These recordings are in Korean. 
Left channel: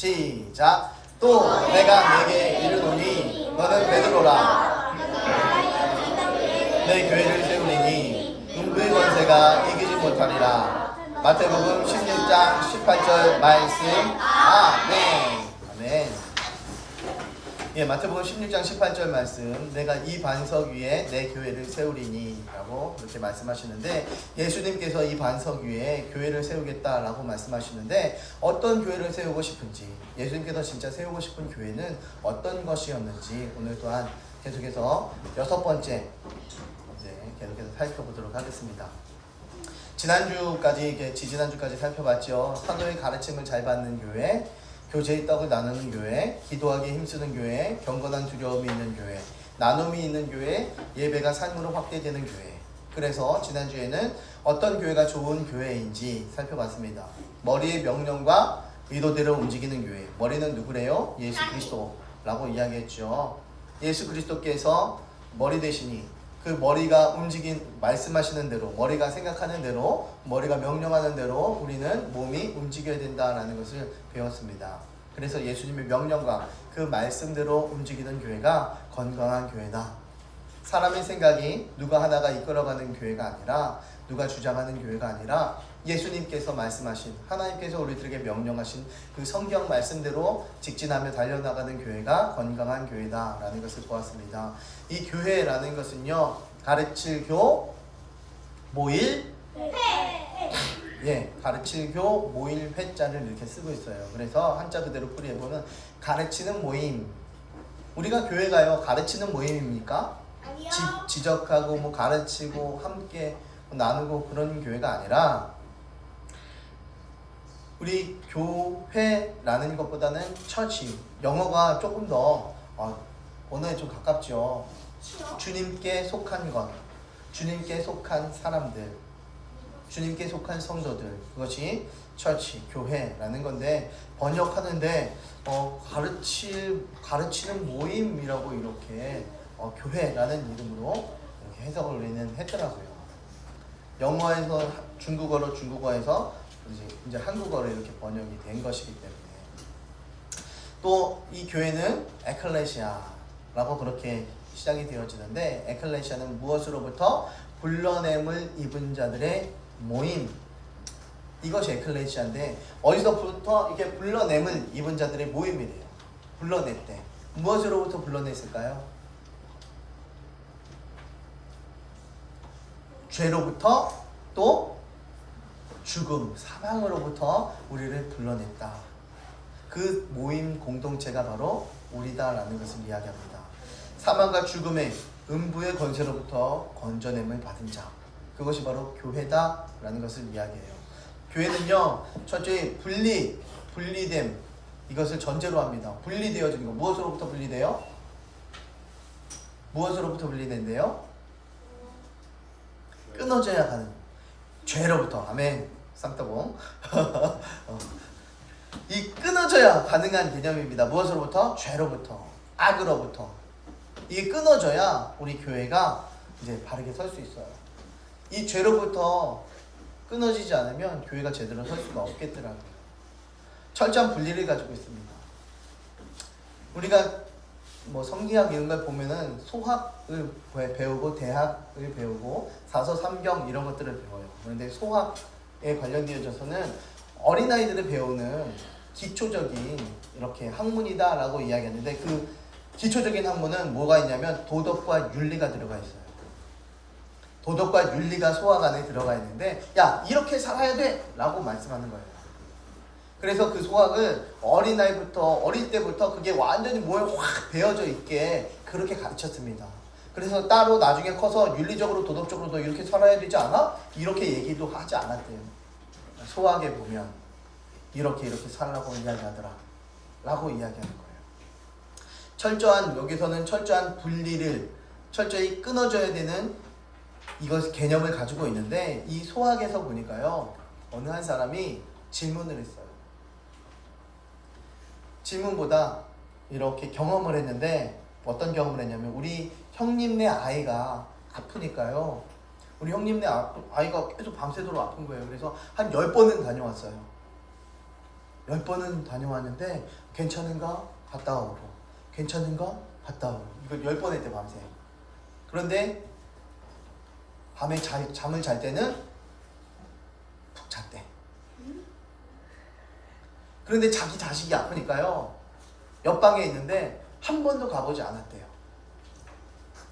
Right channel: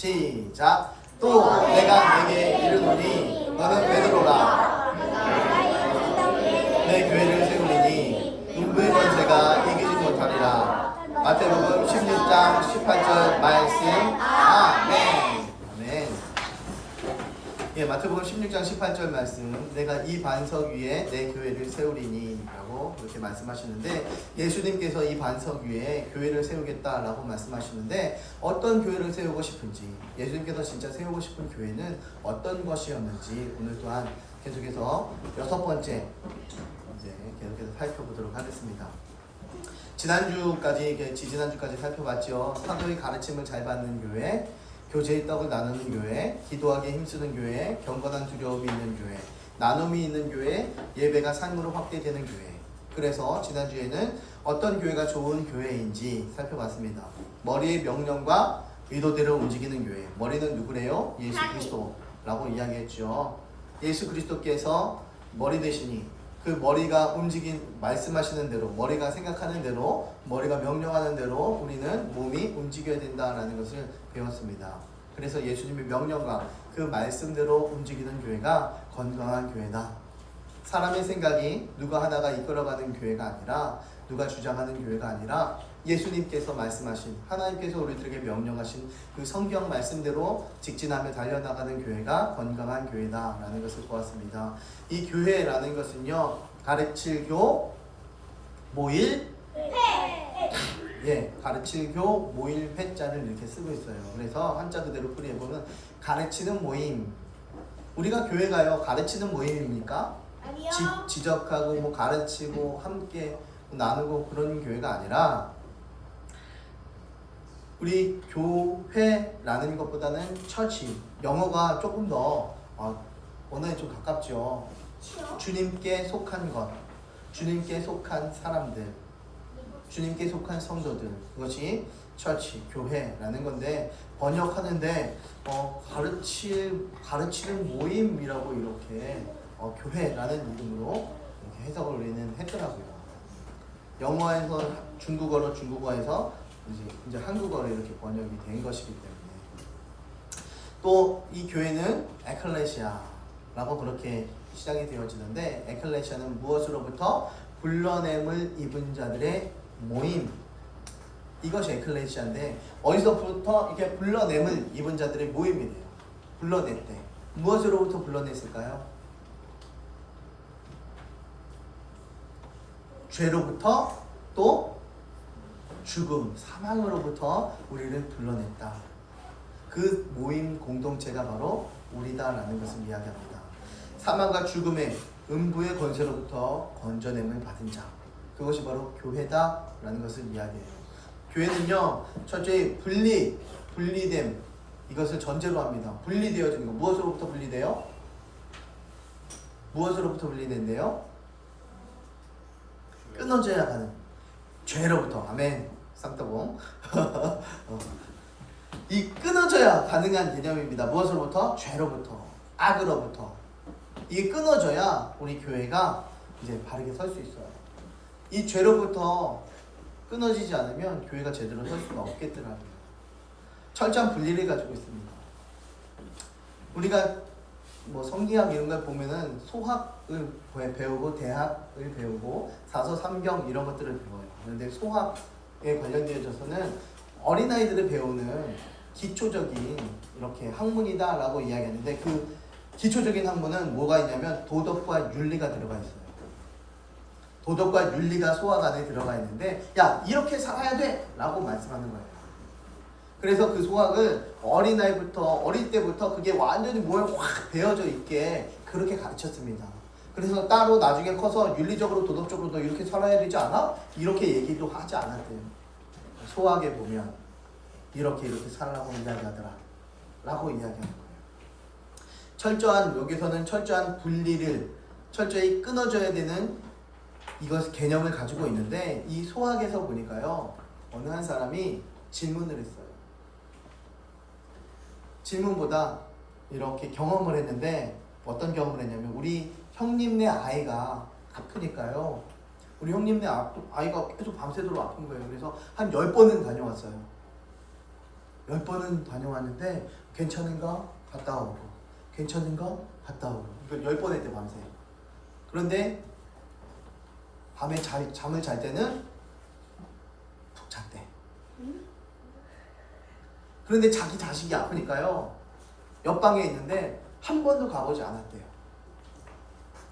시작. 또 내가 네게 이르노니 너는 베드로라. 내 교회를 세우리니 음부의 권세가 이기지 못하리라. 마태복음 16장 18절 말씀. 아멘. 아멘. 예, 마태복음 16장 18절 말씀. 내가 이 반석 위에 내 교회를 세우리니 라고 그렇게 말씀하시는데, 예수님께서 이 반석 위에 교회를 세우겠다라고 말씀하시는데, 어떤 교회를 세우고 싶은지, 예수님께서 진짜 세우고 싶은 교회는 어떤 것이었는지 오늘 또한 계속해서 6번째 이제 계속해서 살펴보도록 하겠습니다. 지지난주까지 살펴봤죠. 사도의 가르침을 잘 받는 교회, 교제의 떡을 나누는 교회, 기도하기에 힘쓰는 교회, 경건한 두려움이 있는 교회, 나눔이 있는 교회, 예배가 삶으로 확대되는 교회. 그래서 지난주에는 어떤 교회가 좋은 교회인지 살펴봤습니다. 머리의 명령과 의도대로 움직이는 교회. 머리는 누구래요? 예수 그리스도라고 이야기했죠. 예수 그리스도께서 머리 되시니 그 머리가 말씀하시는 대로, 머리가 생각하는 대로, 머리가 명령하는 대로 우리는 몸이 움직여야 된다라는 것을 배웠습니다. 그래서 예수님의 명령과 그 말씀대로 움직이는 교회가 건강한 교회다. 사람의 생각이 누가 하나가 이끌어가는 교회가 아니라, 누가 주장하는 교회가 아니라 예수님께서 말씀하신, 하나님께서 우리들에게 명령하신 그 성경 말씀대로 직진하며 달려나가는 교회가 건강한 교회다라는 것을 보았습니다. 이 교회라는 것은요, 가르칠 교, 모일 회. 가르칠 교, 모일 회자를 이렇게 쓰고 있어요. 그래서 한자 그대로 풀이해보면 가르치는 모임. 우리가 교회가요, 가르치는 모임입니까? 지적하고 뭐 가르치고 함께 나누고 그런 교회가 아니라, 우리 교회라는 것보다는 처치, 영어가 조금 더 언어에 좀 가깝죠. 주님께 속한 것, 주님께 속한 사람들, 주님께 속한 성도들, 그것이 처치, 교회라는 건데, 번역하는데 가르치는 모임이라고 이렇게 교회라는 이름으로 이렇게 해석을 우리는 했더라고요. 영어에서 중국어에서 이제 한국어로 이렇게 번역이 된 것이기 때문에, 또 이 교회는 에클레시아라고 그렇게 시작이 되어지는데, 에클레시아는 무엇으로부터? 불러냄을 입은 자들의 모임. 이것이 에클레시아인데, 어디서부터 이렇게 불러냄을 입은 자들의 모임이래요. 불러냈대. 무엇으로부터 불러냈을까요? 죄로부터, 또 죽음, 사망으로부터 우리를 불러냈다. 그 모임 공동체가 바로 우리다라는 것을 이야기합니다. 사망과 죽음의 음부의 권세로부터 건져냄을 받은 자, 그것이 바로 교회다라는 것을 이야기해요. 교회는요, 첫째 분리됨, 이것을 전제로 합니다. 분리되어지는 것. 무엇으로부터 분리돼요? 무엇으로부터 분리된대요? 끊어져야 하는 죄로부터. 아멘. 쌍따봉. 이 끊어져야 가능한 개념입니다. 무엇으로부터? 죄로부터, 악으로부터. 이게 끊어져야 우리 교회가 이제 바르게 설 수 있어요. 이 죄로부터 끊어지지 않으면 교회가 제대로 설 수가 없겠더라고요. 철저한 분리를 가지고 있습니다. 우리가 뭐 성기학 이런 걸 보면은 소학을 배우고 대학을 배우고 사서 삼경 이런 것들을 배워요. 그런데 소학에 관련되어져서는 어린아이들을 배우는 기초적인 이렇게 학문이다라고 이야기하는데, 그 기초적인 학문은 뭐가 있냐면 도덕과 윤리가 들어가 있어요. 도덕과 윤리가 소학 안에 들어가 있는데, 야, 이렇게 살아야 돼! 라고 말씀하는 거예요. 그래서 그 소학을 어릴 때부터 그게 완전히 몸에 확 배어져 있게 그렇게 가르쳤습니다. 그래서 따로 나중에 커서 윤리적으로 도덕적으로도 이렇게 살아야 되지 않아? 이렇게 얘기도 하지 않았대요. 소학에 보면 이렇게 살라고 이야기하더라 라고 이야기하는 거예요. 여기서는 철저한 분리를 철저히 끊어져야 되는 이것 개념을 가지고 있는데, 이 소학에서 보니까요, 어느 한 사람이 질문을 했어요. 질문보다 이렇게 경험을 했는데, 어떤 경험을 했냐면, 우리 형님네 아이가 아프니까요, 우리 형님네 아이가 계속 밤새도록 아픈 거예요. 그래서 한 10번은 다녀왔어요. 10번은 다녀왔는데 괜찮은가? 갔다 오고 괜찮은가? 갔다 오고 이걸 10번 했대 밤새. 그런데 밤에 잠을 잘 때는 푹 잤대. 그런데 자기 자식이 아프니까요 옆방에 있는데 한 번도 가보지 않았대요.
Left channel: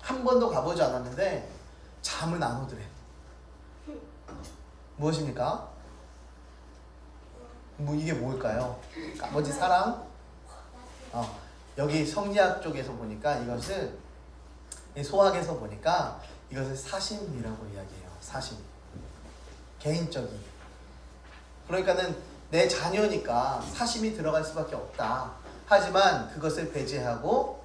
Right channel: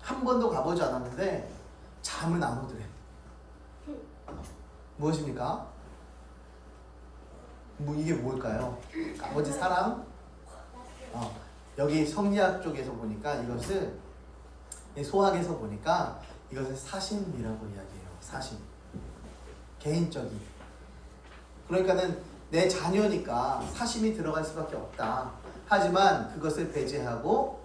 한 번도 가보지 않았는데 잠은 안 오더래. 무엇입니까? 이게 뭘까요? 아버지 사랑? 여기 성리학 쪽에서 보니까 이것을 소학에서 보니까 이것을 사심이라고 이야기해요. 사심. 개인적인. 그러니까는 내 자녀니까 사심이 들어갈 수밖에 없다. 하지만 그것을 배제하고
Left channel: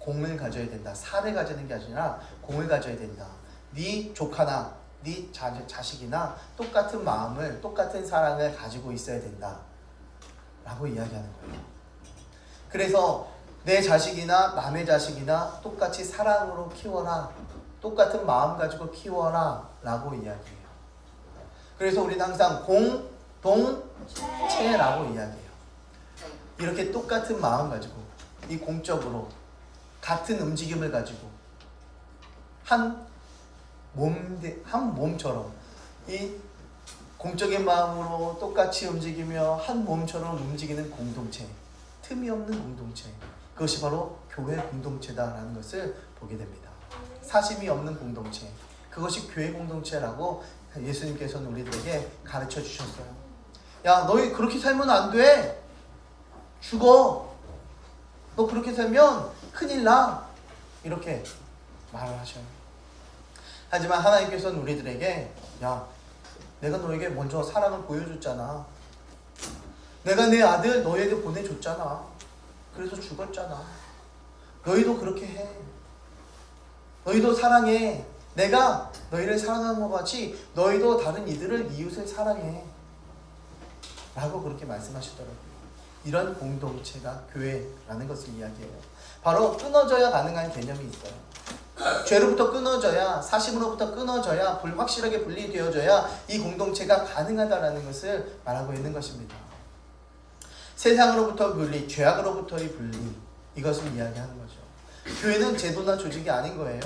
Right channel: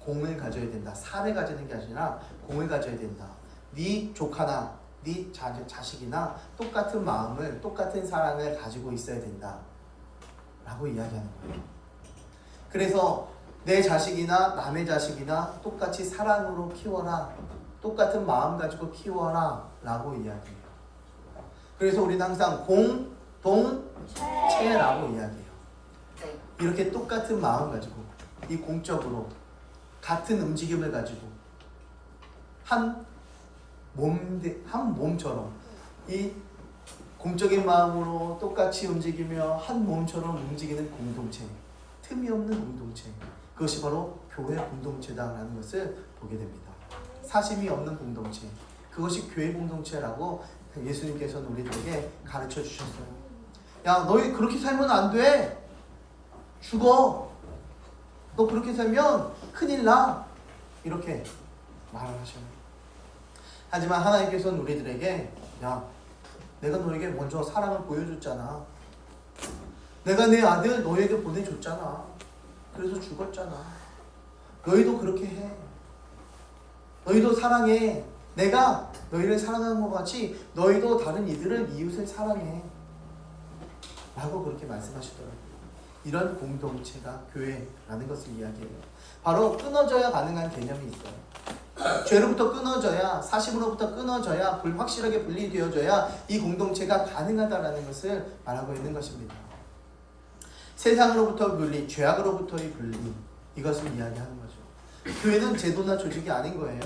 공을 가져야 된다. 사를 가지는 게 아니라 공을 가져야 된다. 네 조카나 네 자식이나 똑같은 마음을 똑같은 사랑을 가지고 있어야 된다 라고 이야기하는 거예요. 그래서 내 자식이나 남의 자식이나 똑같이 사랑으로 키워라, 똑같은 마음 가지고 키워라 라고 이야기해요. 그래서 우리는 항상 공동체라고 이야기해요. 이렇게 똑같은 마음 가지고 이 공적으로 같은 움직임을 가지고 한 몸처럼 이 공적인 마음으로 똑같이 움직이며 한 몸처럼 움직이는 공동체, 틈이 없는 공동체, 그것이 바로 교회 공동체다라는 것을 보게 됩니다. 사심이 없는 공동체, 그것이 교회 공동체라고 예수님께서는 우리들에게 가르쳐 주셨어요. 야, 너희 그렇게 살면 안 돼. 죽어. 너 그렇게 살면 큰일 나. 이렇게 말을 하셔요. 하지만 하나님께서는 우리들에게 야, 내가 너에게 먼저 사랑을 보여줬잖아. 내가 내 아들 너에게 보내줬잖아. 그래서 죽었잖아. 너희도 그렇게 해. 너희도 사랑해. 내가 너희를 사랑하는 것 같이 너희도 다른 이들을 이웃을 사랑해. 라고 그렇게 말씀하시더라고요. 이런 공동체가 교회라는 것을 이야기해요. 바로 끊어져야 가능한 개념이 있어요. 죄로부터 끊어져야, 사심으로부터 끊어져야, 확실하게 분리되어져야 이 공동체가 가능하다는 것을 말하고 있는 것입니다. 세상으로부터 분리, 죄악으로부터의 분리, 이것을 이야기하는 거죠. 교회는 제도나 조직이 아닌 거예요.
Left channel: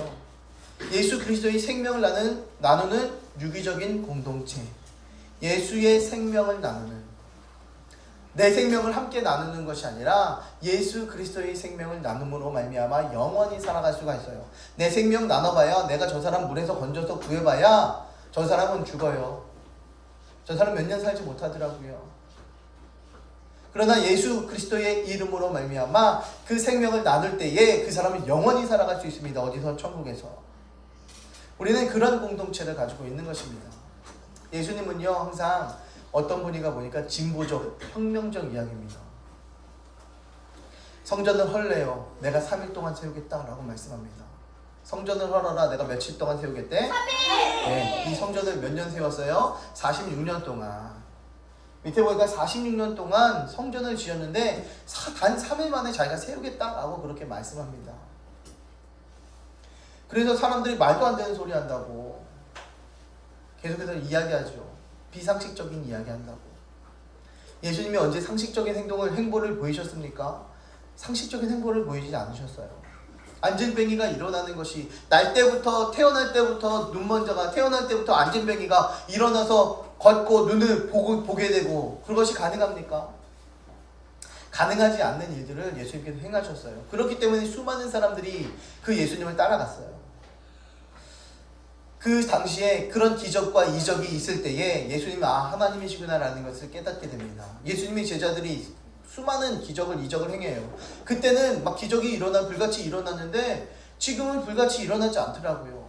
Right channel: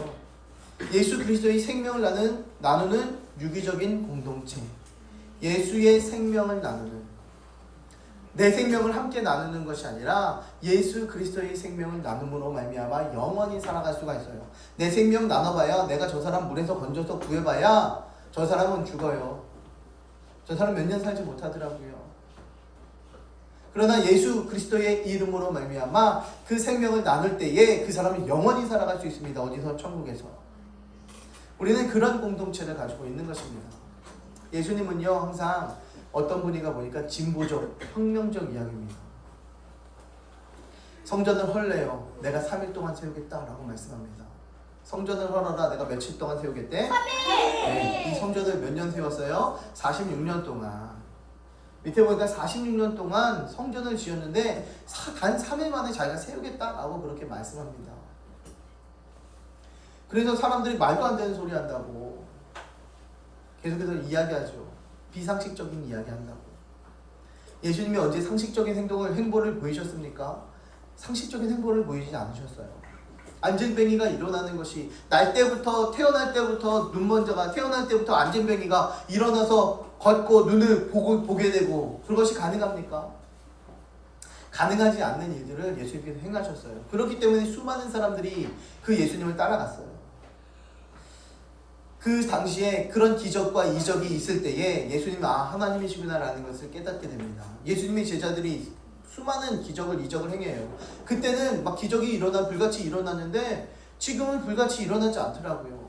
예수 그리스도의 생명을 나누는 유기적인 공동체, 예수의 생명을 나누는, 내 생명을 함께 나누는 것이 아니라 예수 그리스도의 생명을 나눔으로 말미암아 영원히 살아갈 수가 있어요. 내 생명 나눠봐야, 내가 저 사람 물에서 건져서 구해봐야 저 사람은 죽어요. 저 사람 몇 년 살지 못하더라고요. 그러나 예수 그리스도의 이름으로 말미암아 그 생명을 나눌 때에 그 사람은 영원히 살아갈 수 있습니다. 어디서? 천국에서. 우리는 그런 공동체를 가지고 있는 것입니다. 예수님은요 항상 어떤 분인가 보니까 진보적, 혁명적 이야기입니다. 성전을 헐래요. 내가 3일 동안 세우겠다라고 말씀합니다. 성전을 헐어라. 내가 며칠 동안 세우겠대? 3일! 네, 이 성전을 몇 년 세웠어요? 46년 동안. 밑에 보니까 46년 동안 성전을 지었는데 단 3일 만에 자기가 세우겠다라고 그렇게 말씀합니다. 그래서 사람들이 말도 안 되는 소리 한다고 계속해서 이야기하죠. 비상식적인 이야기 한다고. 예수님이 언제 상식적인 행보를 보이셨습니까? 상식적인 행보를 보이지 않으셨어요. 안진뱅이가 일어나는 것이 태어날 때부터 눈먼저가 태어날 때부터 안진뱅이가 일어나서 걷고 눈을 보게 되고 그것이 가능합니까? 가능하지 않는 일들을 예수님께서 행하셨어요. 그렇기 때문에 수많은 사람들이 그 예수님을 따라갔어요. 그 당시에 그런 기적과 이적이 있을 때에 예수님이 하나님이시구나라는 것을 깨닫게 됩니다. 예수님의 제자들이 수많은 이적을 행해요. 그때는 막 기적이 불같이 일어났는데 지금은 불같이 일어나지 않더라고요.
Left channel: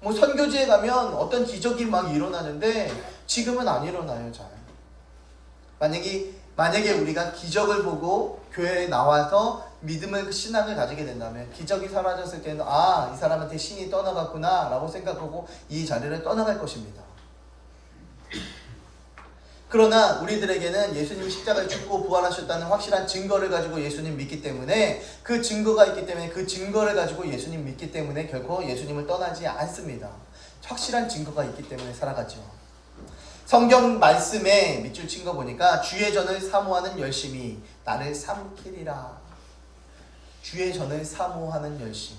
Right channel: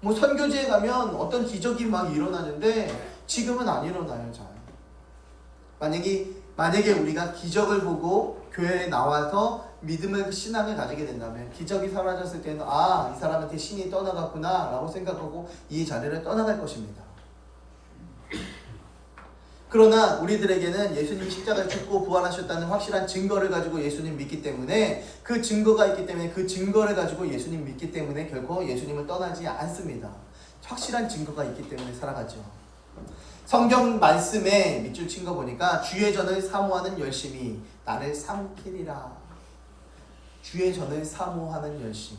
뭐 선교지에 가면 어떤 기적이 막 일어나는데 지금은 안 일어나요. 잘. 만약에 우리가 기적을 보고 교회에 나와서 신앙을 가지게 된다면 기적이 사라졌을 때는 이 사람한테 신이 떠나갔구나 라고 생각하고 이 자리를 떠나갈 것입니다. 그러나 우리들에게는 예수님이 십자가를 죽고 부활하셨다는 확실한 증거를 가지고 예수님 믿기 때문에 그 증거가 있기 때문에 그 증거를 가지고 예수님 믿기 때문에 결코 예수님을 떠나지 않습니다. 확실한 증거가 있기 때문에 살아가죠. 성경 말씀에 밑줄 친 거 보니까 주의 전을 사모하는 열심이 나를 삼키리라. 주의 전을 사모하는 열심,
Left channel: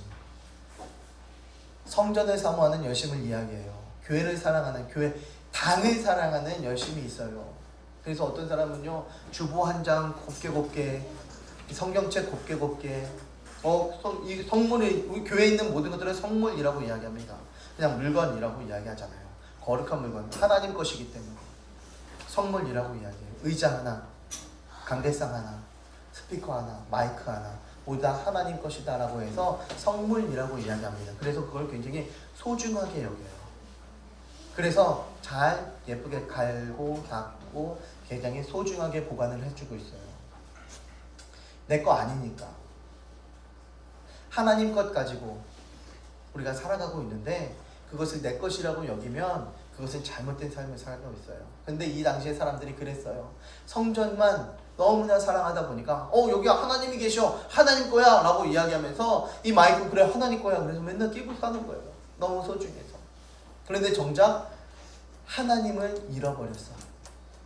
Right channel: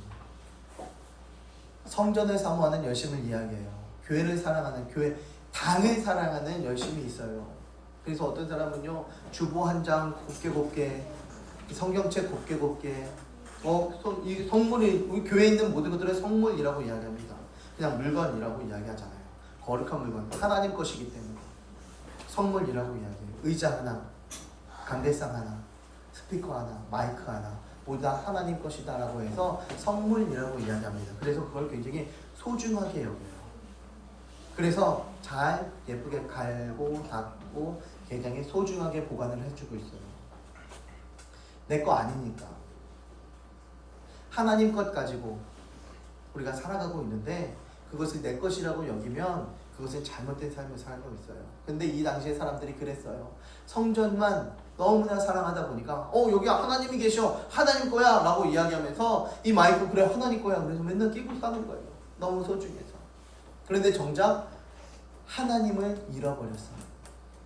성전을 사모하는 열심을 이야기해요. 교회를 사랑하는, 교회 당을 사랑하는 열심이 있어요. 그래서 어떤 사람은요, 주보 한 장 곱게 성경책 곱게 이 성물이, 우리 교회에 있는 모든 것들은 성물이라고 이야기합니다. 그냥 물건이라고 이야기하잖아요. 거룩한 물건, 하나님 것이기 때문에 성물이라고 이야기해요. 의자 하나, 강대상 하나, 스피커 하나, 마이크 하나, 모두 하나님 것이다 라고 해서 성물이라고 이야기합니다. 그래서 그걸 굉장히 소중하게 여겨요. 그래서 잘 예쁘게 갈고 닦고 굉장히 소중하게 보관을 해주고 있어요. 내 거 아니니까. 하나님 것 가지고 우리가 살아가고 있는데 그것을 내 것이라고 여기면 그것은 잘못된 삶을 살고 있어요. 근데 이 당시에 사람들이 그랬어요. 성전만 너무나 사랑하다 보니까 여기 하나님이 계셔, 하나님 거야 라고 이야기하면서 이 마이크 그래 하나님 거야 그래서 맨날 끼고 사는 거예요. 너무 소중해서. 그런데 정작 하나님을 잃어버렸어요.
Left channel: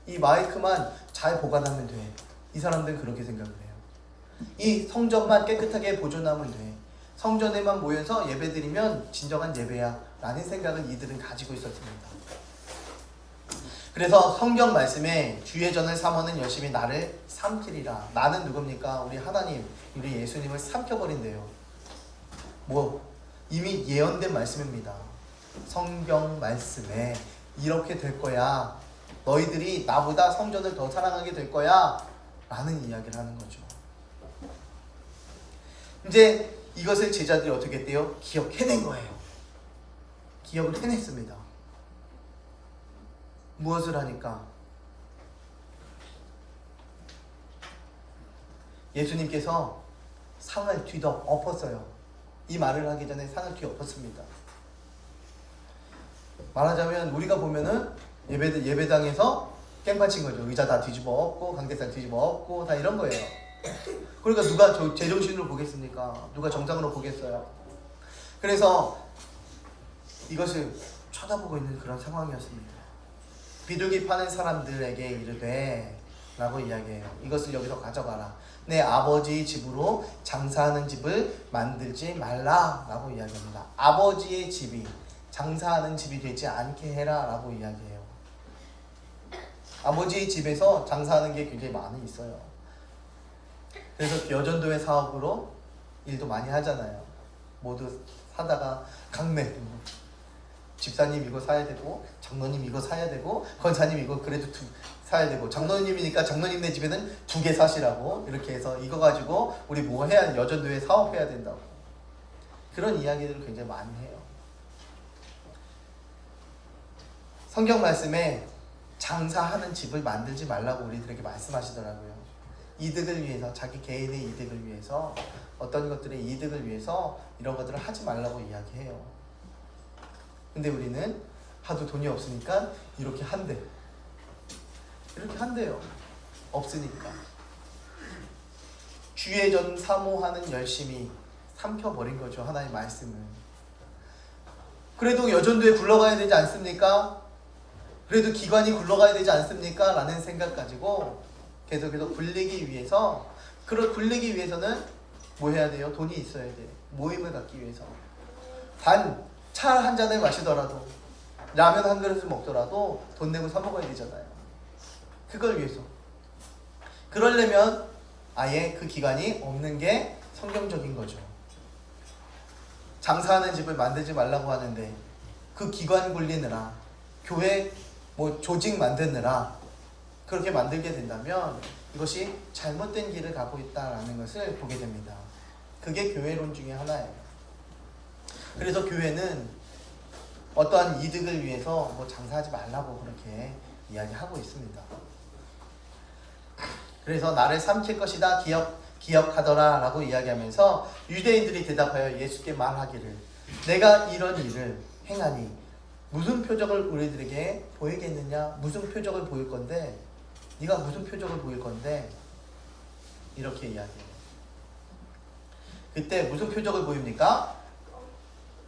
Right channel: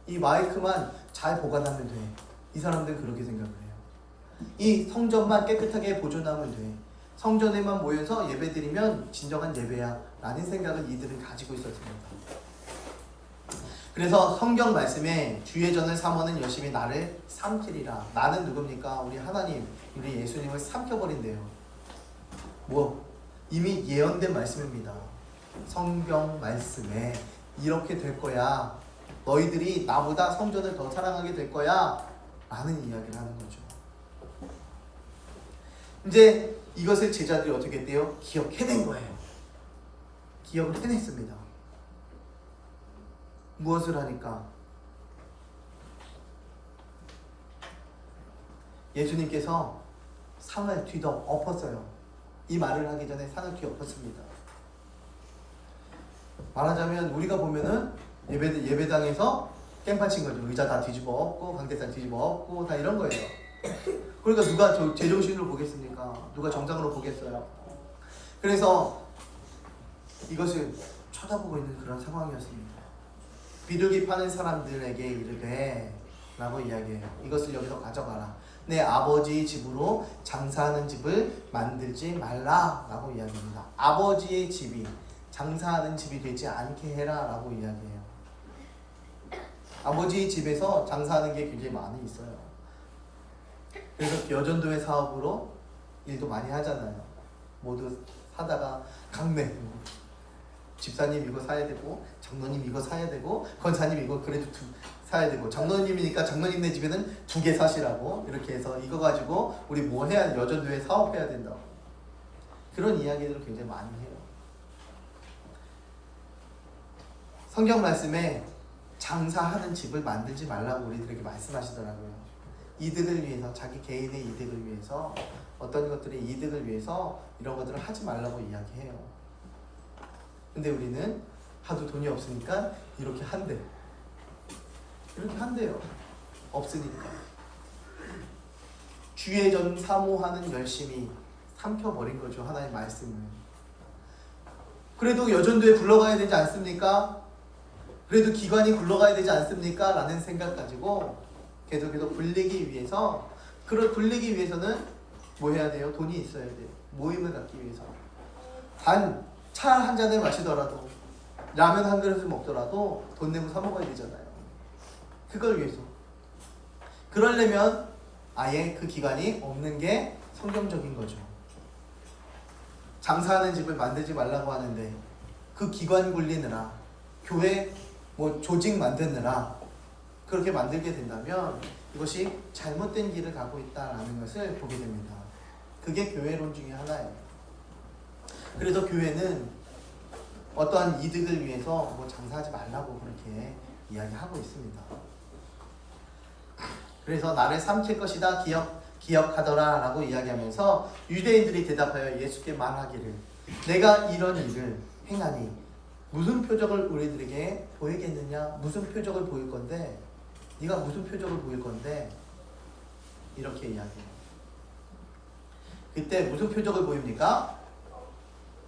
이 마이크만 잘 보관하면 돼. 이 사람들은 그렇게 생각을 해요. 이 성전만 깨끗하게 보존하면 돼. 성전에만 모여서 예배드리면 진정한 예배야 라는 생각을 이들은 가지고 있었습니다. 그래서 성경 말씀에 주의 전을 사모하는 열심이 나를 삼키리라. 나는 누굽니까? 우리 하나님, 우리 예수님을 삼켜버린대요. 이미 예언된 말씀입니다. 성경 말씀에 이렇게 될 거야. 너희들이 나보다 성전을 더 사랑하게 될 거야 라는 이야기를 하는 거죠. 이제 이것을 제자들이 어떻게 했대요? 기억해낸 거예요. 기억을 해냈습니다. 무엇을 하니까? 예수님께서 상을 뒤엎었어요. 이 말을 하기 전에 상을 뒤엎었습니다. 말하자면 우리가 보면은 예배당에서 깽판 친 거죠. 의자 다 뒤집어 엎고 강대상 뒤집어 엎고 다 이런 거예요. 그러니까 누가 제정신으로 보겠습니까? 누가 정상으로 보겠어요? 그래서 이것을 쳐다보고 있는 그런 상황이었습니다. 비둘기 파는 사람들에게 이르되 라고 이야기해요. 이것을 여기서 가져가라. 내 아버지의 집으로 장사하는 집을 만들지 말라 라고 이야기합니다. 아버지의 집이 장사하는 집이 되지 않게 해라 라고 이야기해요. 아버지의 집에서 장사하는 게 굉장히 많이 있어요. 그래서 여전도의 사업으로 일도 많이 하잖아요. 모두 사다가 강매, 집사님 이거 사야 되고 장로님 이거 사야 되고 권사님 이거 그래도 사야 되고 장로님이니까 장로님네 집에는 2개 사시라고 이렇게 해서 이거 가지고 우리 뭐 해야, 여전도에 사업해야 된다고 그런 이야기들을 굉장히 많이 해요. 성경 말씀에 장사하는 집을 만들지 말라고 우리들에게 말씀하시더라고요. 이득을 위해서, 자기 개인의 이득을 위해서, 어떤 것들의 이득을 위해서 이런 것들을 하지 말라고 이야기해요. 근데 우리는 하도 돈이 없으니까 이렇게 한대요. 없으니까. 주의 전 사모하는 열심이 삼켜버린 거죠. 하나님의 말씀을. 그래도 여전도에 굴러가야 되지 않습니까? 그래도 기관이 굴러가야 되지 않습니까? 라는 생각 가지고 계속해서 굴리기 위해서는 뭐 해야 돼요? 돈이 있어야 돼요. 모임을 갖기 위해서. 단 차 한 잔을 마시더라도 라면 한 그릇을 먹더라도 돈 내고 사 먹어야 되잖아요. 그걸 위해서. 그러려면 아예 그 기관이 없는 게 성경적인 거죠. 장사하는 집을 만들지 말라고 하는데 그 기관 굴리느라, 교회 조직 만드느라 그렇게 만들게 된다면 이것이 잘못된 길을 가고 있다는 것을 보게 됩니다. 그게 교회론 중에 하나예요. 그래서 교회는 어떠한 이득을 위해서 장사하지 말라고 그렇게 이야기하고 있습니다. 그래서 나를 삼킬 것이다 기억하더라 라고 이야기하면서 유대인들이 대답하여 예수께 말하기를 내가 이런 일을 행하니 무슨 표적을 우리들에게 보이겠느냐? 무슨 표적을 보일 건데? 네가 무슨 표적을 보일 건데? 이렇게 이야기해요. 그때 무슨 표적을 보입니까?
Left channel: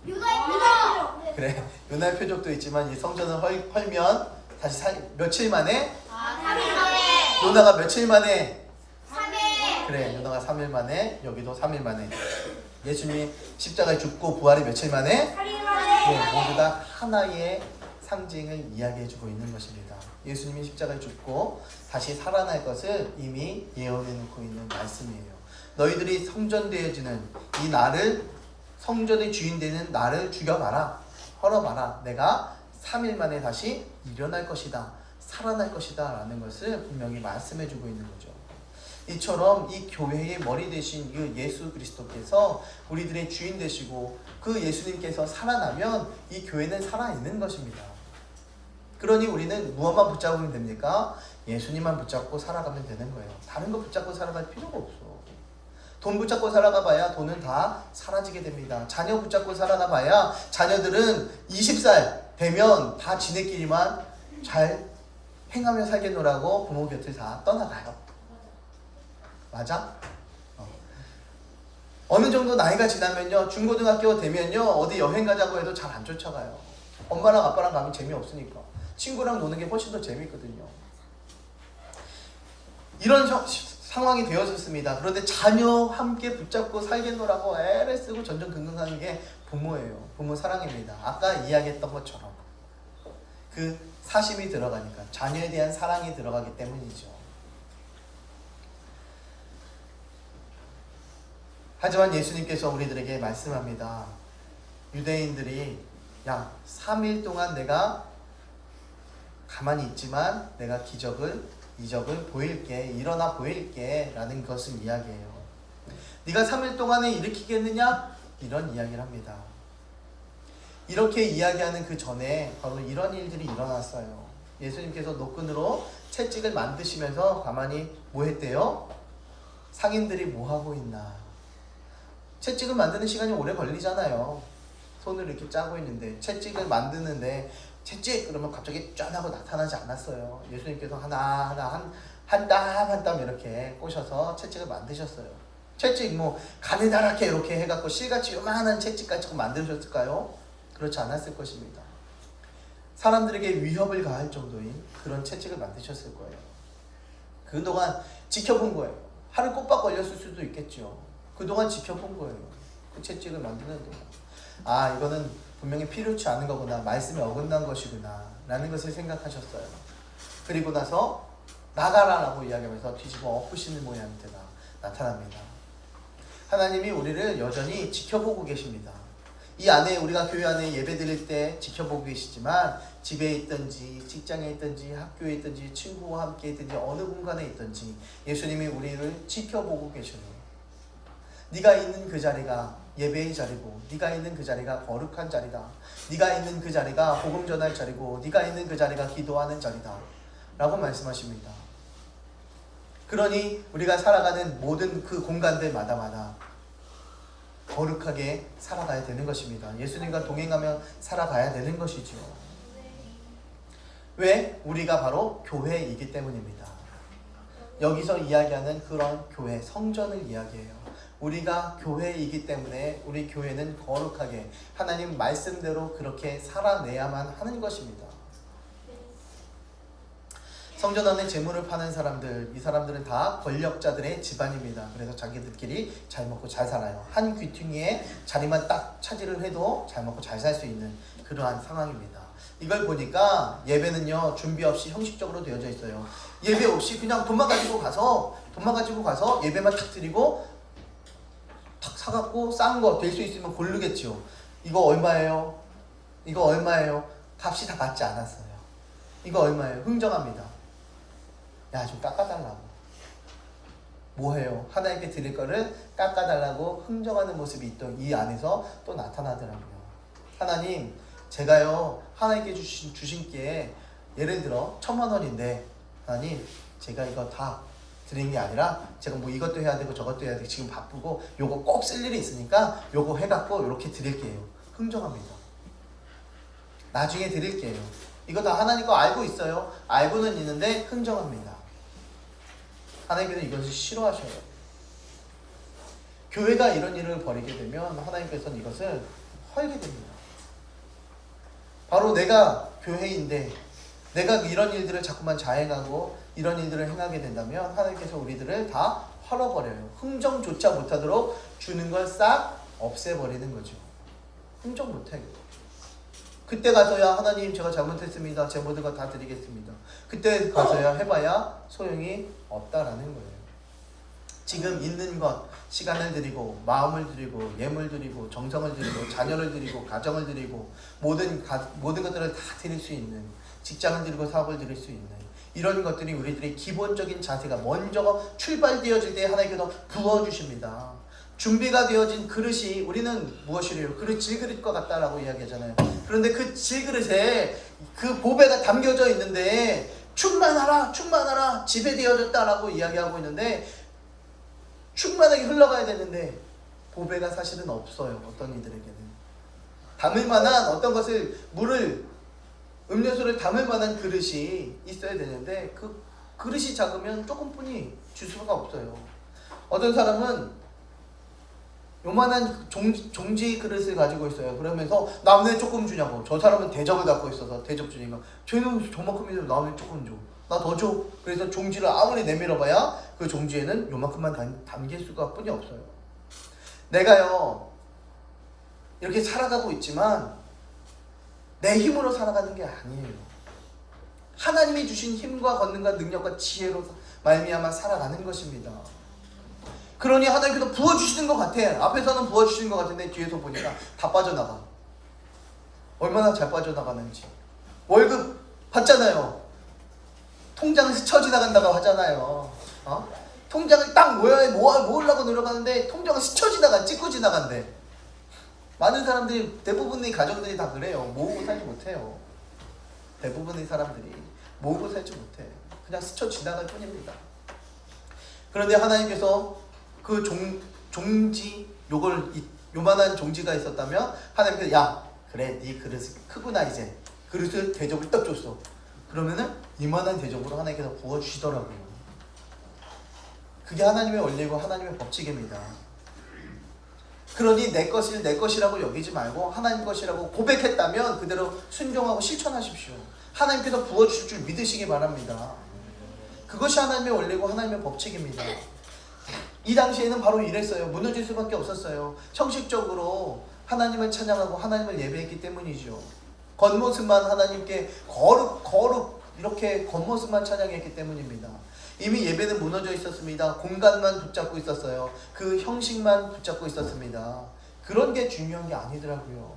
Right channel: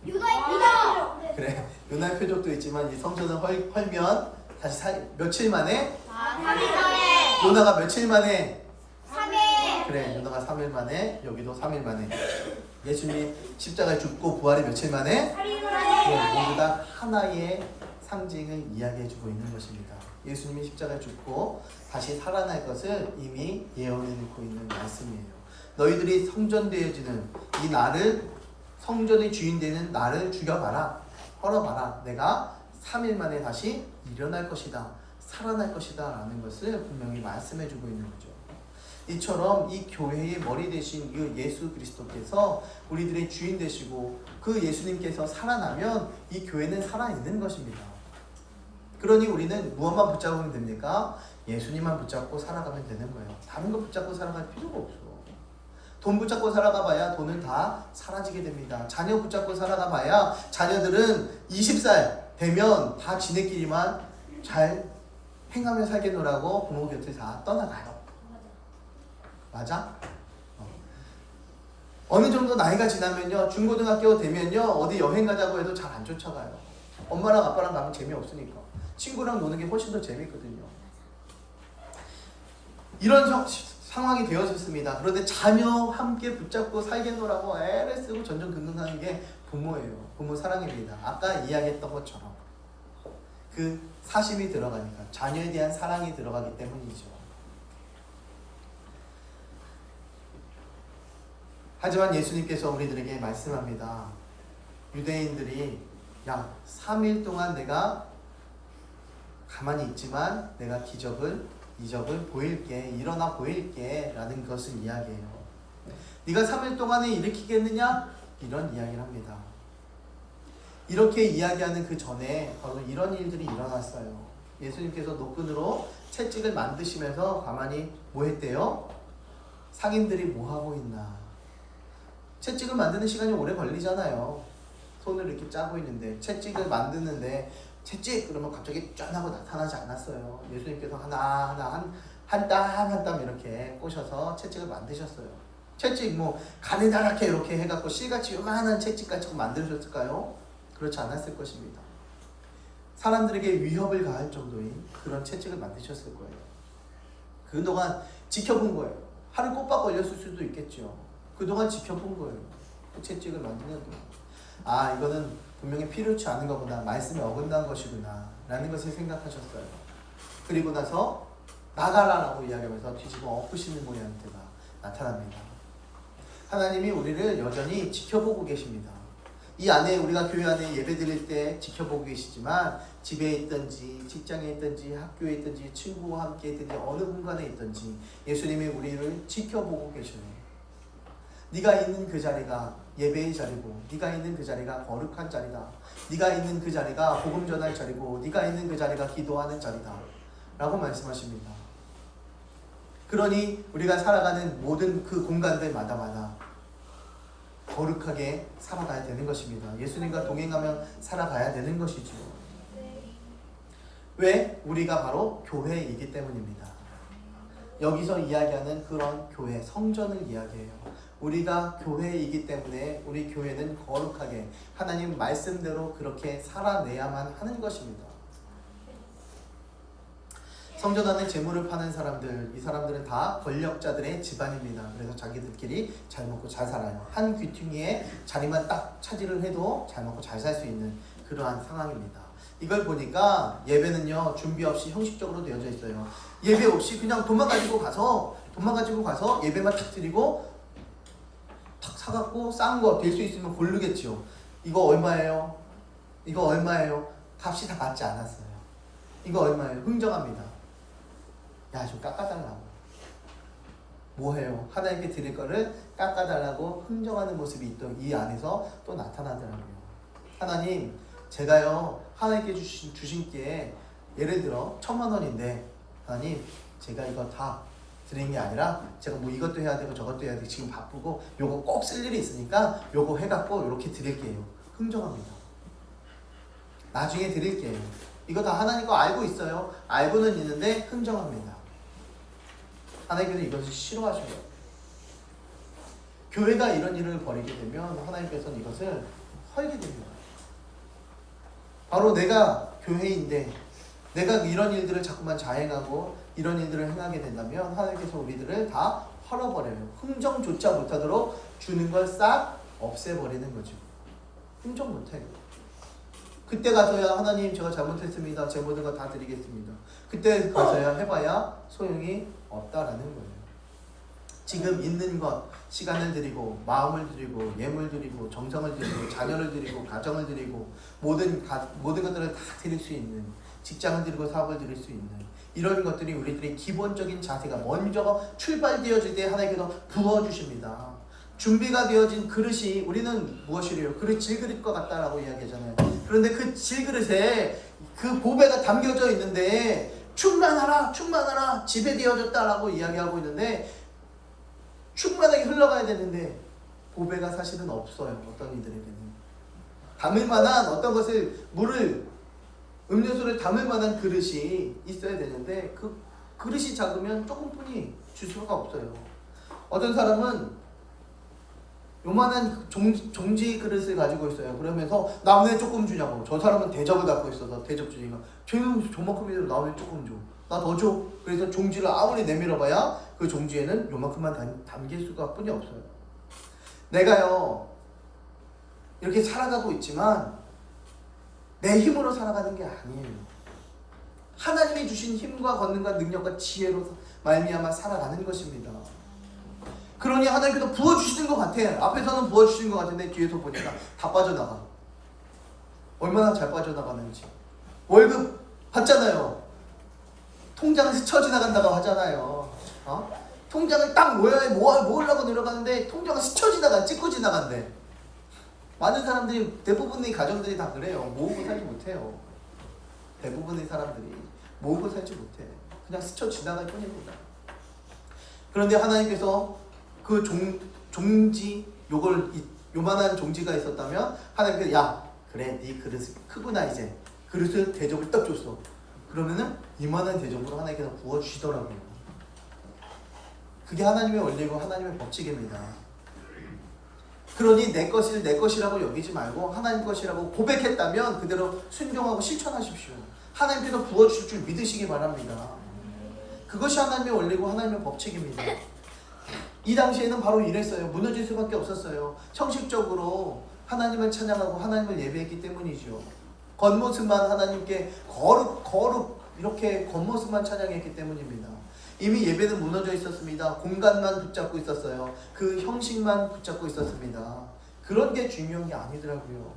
유나의 표적. 그래, 유나의 표적도 있지만 이 성전을 헐면 다시 며칠 만에? 3일 만에. 요나가 며칠 만에? 3일. 그래, 요나가 3일 만에, 여기도 3일 만에. 예수님이 십자가에 죽고 부활이 며칠 만에? 3일 만에. 네, 모두 다 하나의 상징을 이야기해주고 있는 것입니다. 예수님이 십자가에 죽고 다시 살아날 것을 이미 예언해놓고 있는 말씀이에요. 너희들이 성전되어지는 이 나를, 성전의 주인 되는 나를 죽여봐라, 헐어봐라. 내가 3일 만에 다시 일어날 것이다, 살아날 것이다 라는 것을 분명히 말씀해주고 있는 거죠. 이처럼 이 교회의 머리 되신 이 예수 그리스도께서 우리들의 주인 되시고 그 예수님께서 살아나면 이 교회는 살아있는 것입니다. 그러니 우리는 무엇만 붙잡으면 됩니까? 예수님만 붙잡고 살아가면 되는 거예요. 다른 거 붙잡고 살아갈 필요가 없어. 돈 붙잡고 살아가 봐야 돈은 다 사라지게 됩니다. 자녀 붙잡고 살아가 봐야 자녀들은 20살 되면 다 지네끼리만 잘 행하며 살겠노라고 부모 곁을 다 떠나가요. 맞아? 어느 정도 나이가 지나면요, 중고등학교 되면요, 어디 여행 가자고 해도 잘 안 쫓아가요. 엄마랑 아빠랑 가면 재미없으니까. 친구랑 노는 게 훨씬 더 재미있거든요. 이런 상황이 되어졌습니다. 그런데 자녀 함께 붙잡고 살겠노라고 애를 쓰고 전전긍긍하는 게 부모예요. 부모 사랑입니다. 아까 이야기했던 것처럼 그 사심이 들어가니까, 자녀에 대한 사랑이 들어가기 때문이죠. 하지만 예수님께서 우리들에게 말씀합니다. 유대인들이 야, 3일 동안 내가 가만히 있지만 내가 이적을 보일게, 일어나 보일게 라는 것을 이야기해요. 네가 3일 동안에 일으키겠느냐? 이런 이야기를 합니다. 이렇게 이야기하는 그 전에 바로 이런 일들이 일어났어요. 예수님께서 노끈으로 채찍을 만드시면서 가만히 뭐 했대요? 상인들이 뭐 하고 있나? 채찍을 만드는 시간이 오래 걸리잖아요. 손을 이렇게 짜고 있는데 채찍을 만드는데 채찍 그러면 갑자기 짠 하고 나타나지 않았어요. 예수님께서 하나하나 한 땀 한 땀 이렇게 꼬셔서 채찍을 만드셨어요. 채찍 뭐 가느다랗게 이렇게 해갖고 실같이 요만한 채찍까지 만드셨을까요? 그렇지 않았을 것입니다. 사람들에게 위협을 가할 정도인 그런 채찍을 만드셨을 거예요. 그동안 지켜본 거예요. 하루 꼬박 걸렸을 수도 있겠죠. 그동안 지켜본 거예요. 그 채찍을 만드는 동안. 아, 이거는 분명히 필요치 않은 거구나, 말씀에 어긋난 것이구나 라는 것을 생각하셨어요. 그리고 나서 나가라 라고 이야기하면서 뒤집어 엎으시는 모양새가 나타납니다. 하나님이 우리를 여전히 지켜보고 계십니다. 이 안에, 우리가 교회 안에 예배 드릴 때 지켜보고 계시지만 집에 있든지 직장에 있든지 학교에 있든지 친구와 함께 있든지 어느 공간에 있든지 예수님이 우리를 지켜보고 계셔요. 네가 있는 그 자리가 예배의 자리고, 네가 있는 그 자리가 거룩한 자리다, 네가 있는 그 자리가 복음 전할 자리고, 네가 있는 그 자리가 기도하는 자리다 라고 말씀하십니다. 그러니 우리가 살아가는 모든 그 공간들마다 거룩하게 살아가야 되는 것입니다. 예수님과 동행하며 살아가야 되는 것이죠. 왜? 우리가 바로 교회이기 때문입니다. 여기서 이야기하는 그런 교회, 성전을 이야기해요. 우리가 교회이기 때문에 우리 교회는 거룩하게 하나님 말씀대로 그렇게 살아내야만 하는 것입니다. 성전 안에 재물을 파는 사람들, 이 사람들은 다 권력자들의 집안입니다. 그래서 자기들끼리 잘 먹고 잘 살아요. 한 귀퉁이에 자리만 딱 차지를 해도 잘 먹고 잘 살 수 있는 그러한 상황입니다. 이걸 보니까 예배는요, 준비 없이 형식적으로 되어져 있어요. 예배 없이 그냥 돈만 가지고 가서 예배만 탁 드리고 탁 사갖고 싼 거 될 수 있으면 고르겠죠. 이거 얼마예요? 이거 얼마예요? 값이 다 맞지 않았어요. 이거 얼마예요? 흥정합니다. 야, 좀 깎아달라고. 뭐해요? 하나님께 드릴 거를 깎아달라고 흥정하는 모습이 있던 이 안에서 또 나타나더라고요. 하나님, 제가요 하나님께 주신 게 예를 들어 1,000,000원인데 하나님, 제가 이거 다 드리는 게 아니라 제가 뭐 이것도 해야 되고 저것도 해야 되고 지금 바쁘고 요거 꼭 쓸 일이 있으니까 요거 해갖고 이렇게 드릴게요. 흥정합니다. 나중에 드릴게요. 이거 다 하나님 거 알고 있어요. 알고는 있는데 흥정합니다. 하나님께서 이것을 싫어하셔요. 교회가 이런 일을 벌이게 되면 하나님께서는 이것을 헐게 됩니다. 바로 내가 교회인데 내가 이런 일들을 자꾸만 자행하고 이런 일들을 행하게 된다면 하나님께서 우리들을 다 헐어버려요. 흥정조차 못하도록 주는 걸 싹 없애버리는 거죠. 흥정 못해. 그때 가서야 하나님 제가 잘못했습니다. 제 모든 거 다 드리겠습니다. 그때 가서야 해봐야 소용이 없다라는 거예요. 지금 있는 것, 시간을 드리고 마음을 드리고 예물 드리고 정성을 드리고 자녀를 드리고 가정을 드리고 모든 것들을 다 드릴 수 있는, 직장을 드리고 사업을 드릴 수 있는 이런 것들이 우리들의 기본적인 자세가 먼저 출발되어질 때 하나님께서 부어주십니다. 준비가 되어진 그릇이 우리는 무엇이래요? 질그릇 것 같다라고 이야기하잖아요. 그런데 그 질그릇에 그 보배가 담겨져 있는데 충만하라 충만하라 집에 되어졌다라고 이야기하고 있는데 충만하게 흘러가야 되는데 보배가 사실은 없어요. 어떤 이들에게는 담을 만한 어떤 것을 물을 음료수를 담을 만한 그릇이 있어야 되는데 그 그릇이 작으면 조금뿐이 줄 수가 없어요. 어떤 사람은 요만한 종지 그릇을 가지고 있어요. 그러면서 나 왜 조금 주냐고. 저 사람은 대접을 갖고 있어서 대접 주니까 쟤는 저만큼이라도 나 왜 조금 줘. 나 더 줘. 그래서 종지를 아무리 내밀어봐야 그 종지에는 요만큼만 담길 수가 뿐이 없어요. 내가요 이렇게 살아가고 있지만 내 힘으로 살아가는 게 아니에요. 하나님이 주신 힘과 권능과 능력과 지혜로 말미암아 살아가는 것입니다. 그러니 하나님께서 부어주시는 것 같아. 앞에서는 부어주시는 것 같은데 뒤에서 보니까 다 빠져나가. 얼마나 잘 빠져나가는지. 월급 받잖아요. 통장을 스쳐 지나간다고 하잖아요. 통장을 딱 모으려고 노력하는데 통장을 스쳐 지나가, 찍고 지나간대. 많은 사람들이, 대부분의 가정들이 다 그래요. 모으고 살지 못해요. 대부분의 사람들이 모으고 살지 못해. 그냥 스쳐 지나갈 뿐입니다. 그런데 하나님께서 그 종지, 요만한 종지가 있었다면 하나님께서 야 그래 네 그릇이 크구나 이제 그릇을 대접을 딱 줬어. 그러면은 이만한 대접으로 하나님께서 부어주시더라고요. 그게 하나님의 원리고 하나님의 법칙입니다. 그러니 내 것이라고 여기지 말고 하나님 것이라고 고백했다면 그대로 순종하고 실천하십시오. 하나님께서 부어주실 줄 믿으시기 바랍니다. 그것이 하나님의 원리고 하나님의 법칙입니다. 이 당시에는 바로 이랬어요. 무너질 수밖에 없었어요. 형식적으로 하나님을 찬양하고 하나님을 예배했기 때문이죠. 겉모습만 하나님께 거룩 이렇게 겉모습만 찬양했기 때문입니다. 이미 예배는 무너져 있었습니다. 공간만 붙잡고 있었어요. 그 형식만 붙잡고 있었습니다. 그런 게 중요한 게 아니더라고요.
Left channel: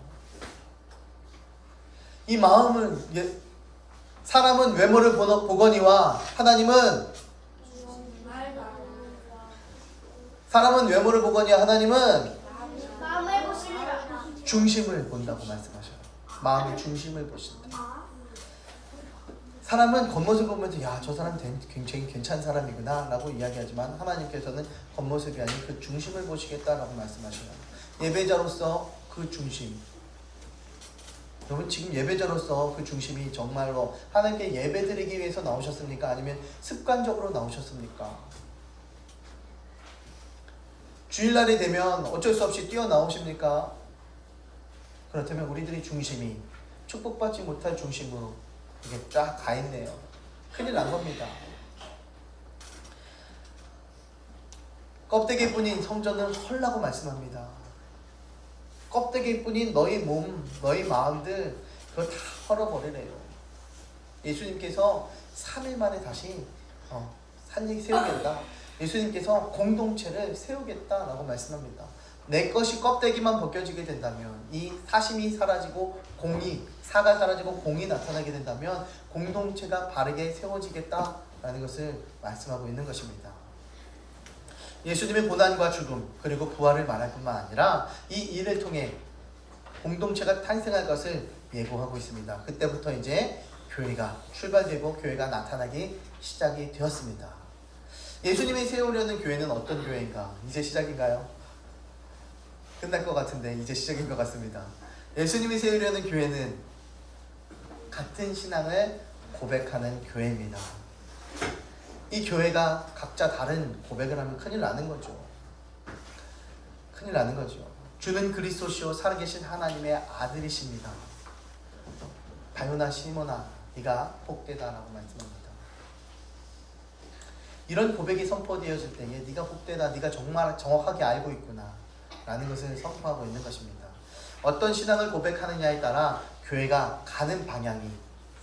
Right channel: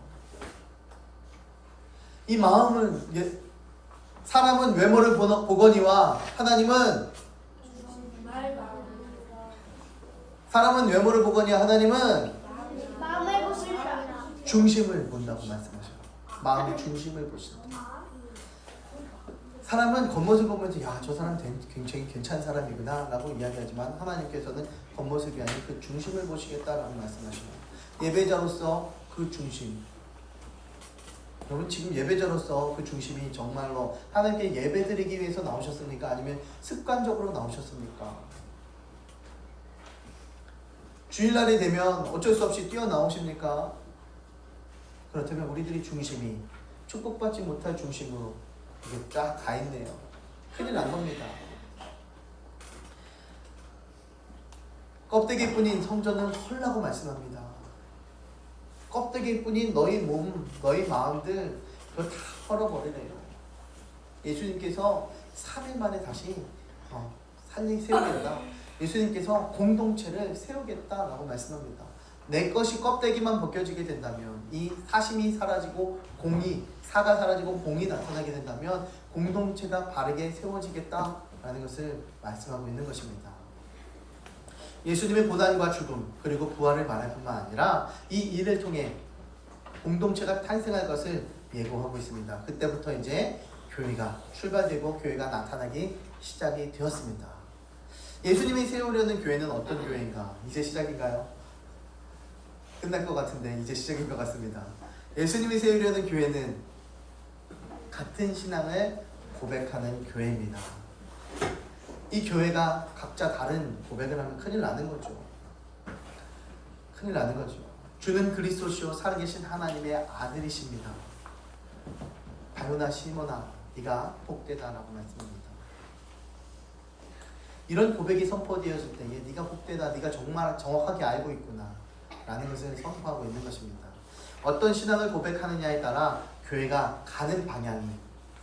이 마음을 사람은 외모를 보거니와 하나님은 하나님은 마음을 보시리라. 중심을 본다고 말씀하셔요. 마음의 중심을 보신다. 사람은 겉모습 보면서 야, 저 사람 굉장히 괜찮은 사람이구나 라고 이야기하지만 하나님께서는 겉모습이 아닌 그 중심을 보시겠다라고 말씀하셔요. 예배자로서 그 중심, 여러분 지금 예배자로서 그 중심이 정말로 하나님께 예배드리기 위해서 나오셨습니까? 아니면 습관적으로 나오셨습니까? 주일날이 되면 어쩔 수 없이 뛰어나오십니까? 그렇다면 우리들의 중심이 축복받지 못할 중심으로 이게 딱 가 있네요. 큰일 난 겁니다. 껍데기뿐인 성전은 헐라고 말씀합니다. 껍데기뿐인 너희 몸, 너희 마음들 그거 다 헐어버리래요. 예수님께서 3일 만에 다시 세우겠다. 예수님께서 공동체를 세우겠다라고 말씀합니다. 내 것이 껍데기만 벗겨지게 된다면 이 사심이 사라지고 사가 사라지고 공이 나타나게 된다면 공동체가 바르게 세워지겠다라는 것을 말씀하고 있는 것입니다. 예수님의 고난과 죽음 그리고 부활을 말할 뿐만 아니라 이 일을 통해 공동체가 탄생할 것을 예고하고 있습니다. 그때부터 이제 교회가 출발되고 교회가 나타나기 시작이 되었습니다. 예수님이 세우려는 교회는 어떤 교회인가? 이제 시작인가요? 끝날 것 같은데 이제 시작인 것 같습니다. 예수님이 세우려는 교회는 같은 신앙을 고백하는 교회입니다. 이 교회가 각자 다른 고백을 하면 큰일 나는 거죠. 큰일 나는 거죠. 주는 그리스도시요 살아계신 하나님의 아들이십니다. 바요나 시모나 네가 복되다라고 말씀합니다. 이런 고백이 선포되어질 때에 네가 복되다, 네가 정말 정확하게 알고 있구나 라는 것을 선포하고 있는 것입니다. 어떤 신앙을 고백하느냐에 따라 교회가 가는 방향이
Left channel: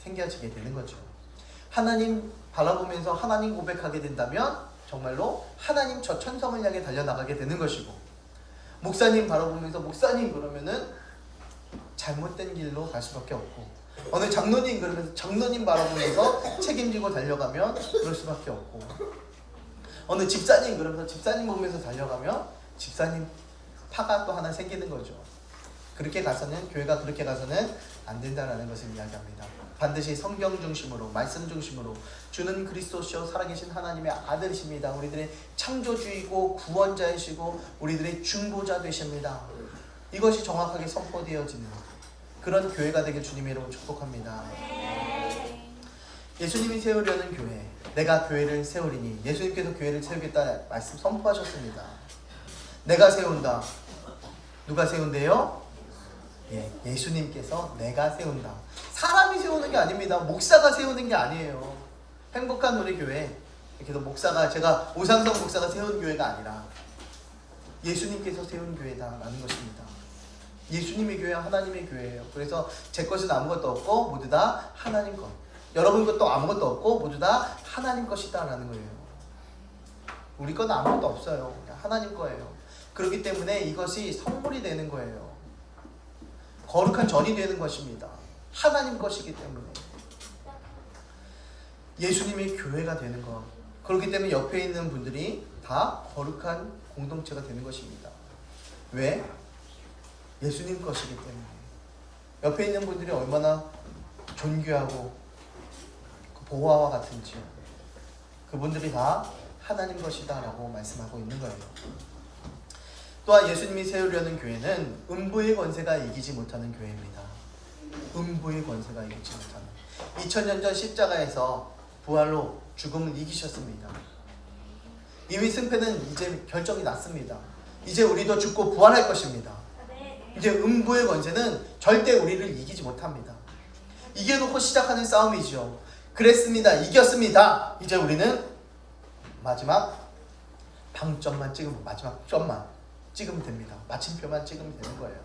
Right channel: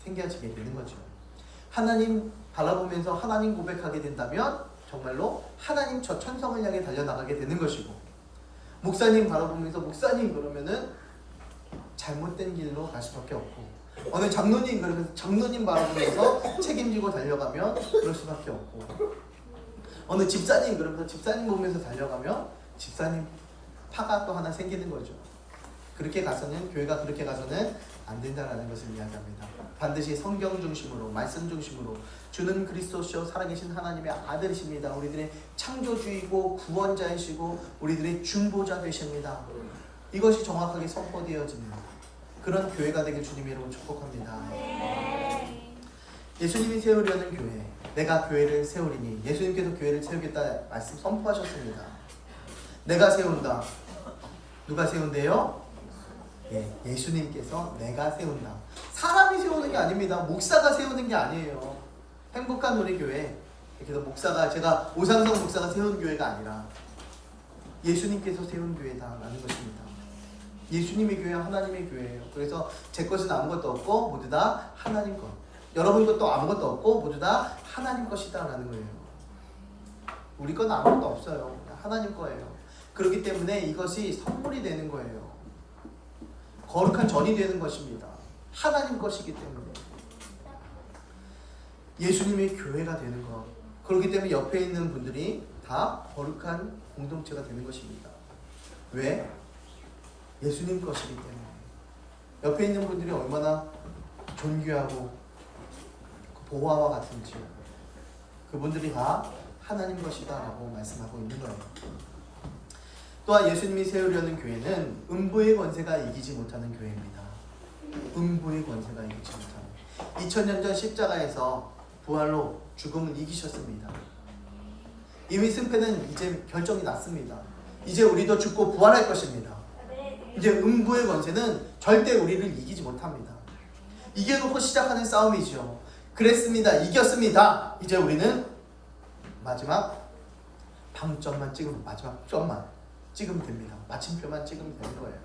생겨지게 되는 거죠. 하나님 바라보면서 하나님 고백하게 된다면 정말로 하나님 저 천성을 향해 달려나가게 되는 것이고, 목사님 바라보면서 목사님 그러면은 잘못된 길로 갈 수밖에 없고, 어느 장로님 그러면서 장로님 바라보면서 책임지고 달려가면 그럴 수밖에 없고, 어느 집사님 그러면서 집사님 보면서 달려가면 집사님 파가 또 하나 생기는 거죠. 그렇게 가서는, 교회가 그렇게 가서는 안 된다라는 것을 이야기합니다. 반드시 성경 중심으로, 말씀 중심으로, 주는 그리스도시요 살아계신 하나님의 아들이십니다. 우리들의 창조주이고 구원자이시고 우리들의 중보자 되십니다. 이것이 정확하게 선포되어지는 그런 교회가 되길 주님의 이름으로 축복합니다. 예수님이 세우려는 교회, 내가 교회를 세우리니, 예수님께서 교회를 세우겠다 말씀 선포하셨습니다. 내가 세운다. 누가 세운대요? 예수님께서 내가 세운다. 사람이 세우는 게 아닙니다. 목사가 세우는 게 아니에요. 행복한 우리 교회, 그래서 목사가, 제가 오상성 목사가 세운 교회가 아니라 예수님께서 세운 교회다라는 것입니다. 예수님의 교회, 하나님의 교회예요. 그래서 제 것은 아무것도 없고 모두 다 하나님 것, 여러분 것도 아무것도 없고 모두 다 하나님 것이다라는 거예요. 우리 건 아무것도 없어요. 하나님 거예요. 그렇기 때문에 이것이 선물이 되는 거예요. 거룩한 전이 되는 것입니다. 하나님 것이기 때문에 예수님의 교회가 되는 것. 그렇기 때문에 옆에 있는 분들이 다 거룩한 공동체가 되는 것입니다. 왜? 예수님 것이기 때문에. 옆에 있는 분들이 얼마나 존귀하고 보화와 같은지, 그분들이 다 하나님 것이다 라고 말씀하고 있는 거예요. 또한 예수님이 세우려는 교회는 음부의 권세가 이기지 못하는 교회입니다. 음부의 권세가 이기지 못하는, 2000년 전 십자가에서 부활로 죽음을 이기셨습니다. 이미 승패는 이제 결정이 났습니다. 이제 우리도 죽고 부활할 것입니다. 이제 음부의 권세는 절대 우리를 이기지 못합니다. 이겨놓고 시작하는 싸움이죠. 그랬습니다. 이겼습니다. 이제 우리는 마지막 방점만 찍으면, 마지막 점만 찍으면 됩니다. 마침표만 찍으면 되는 거예요.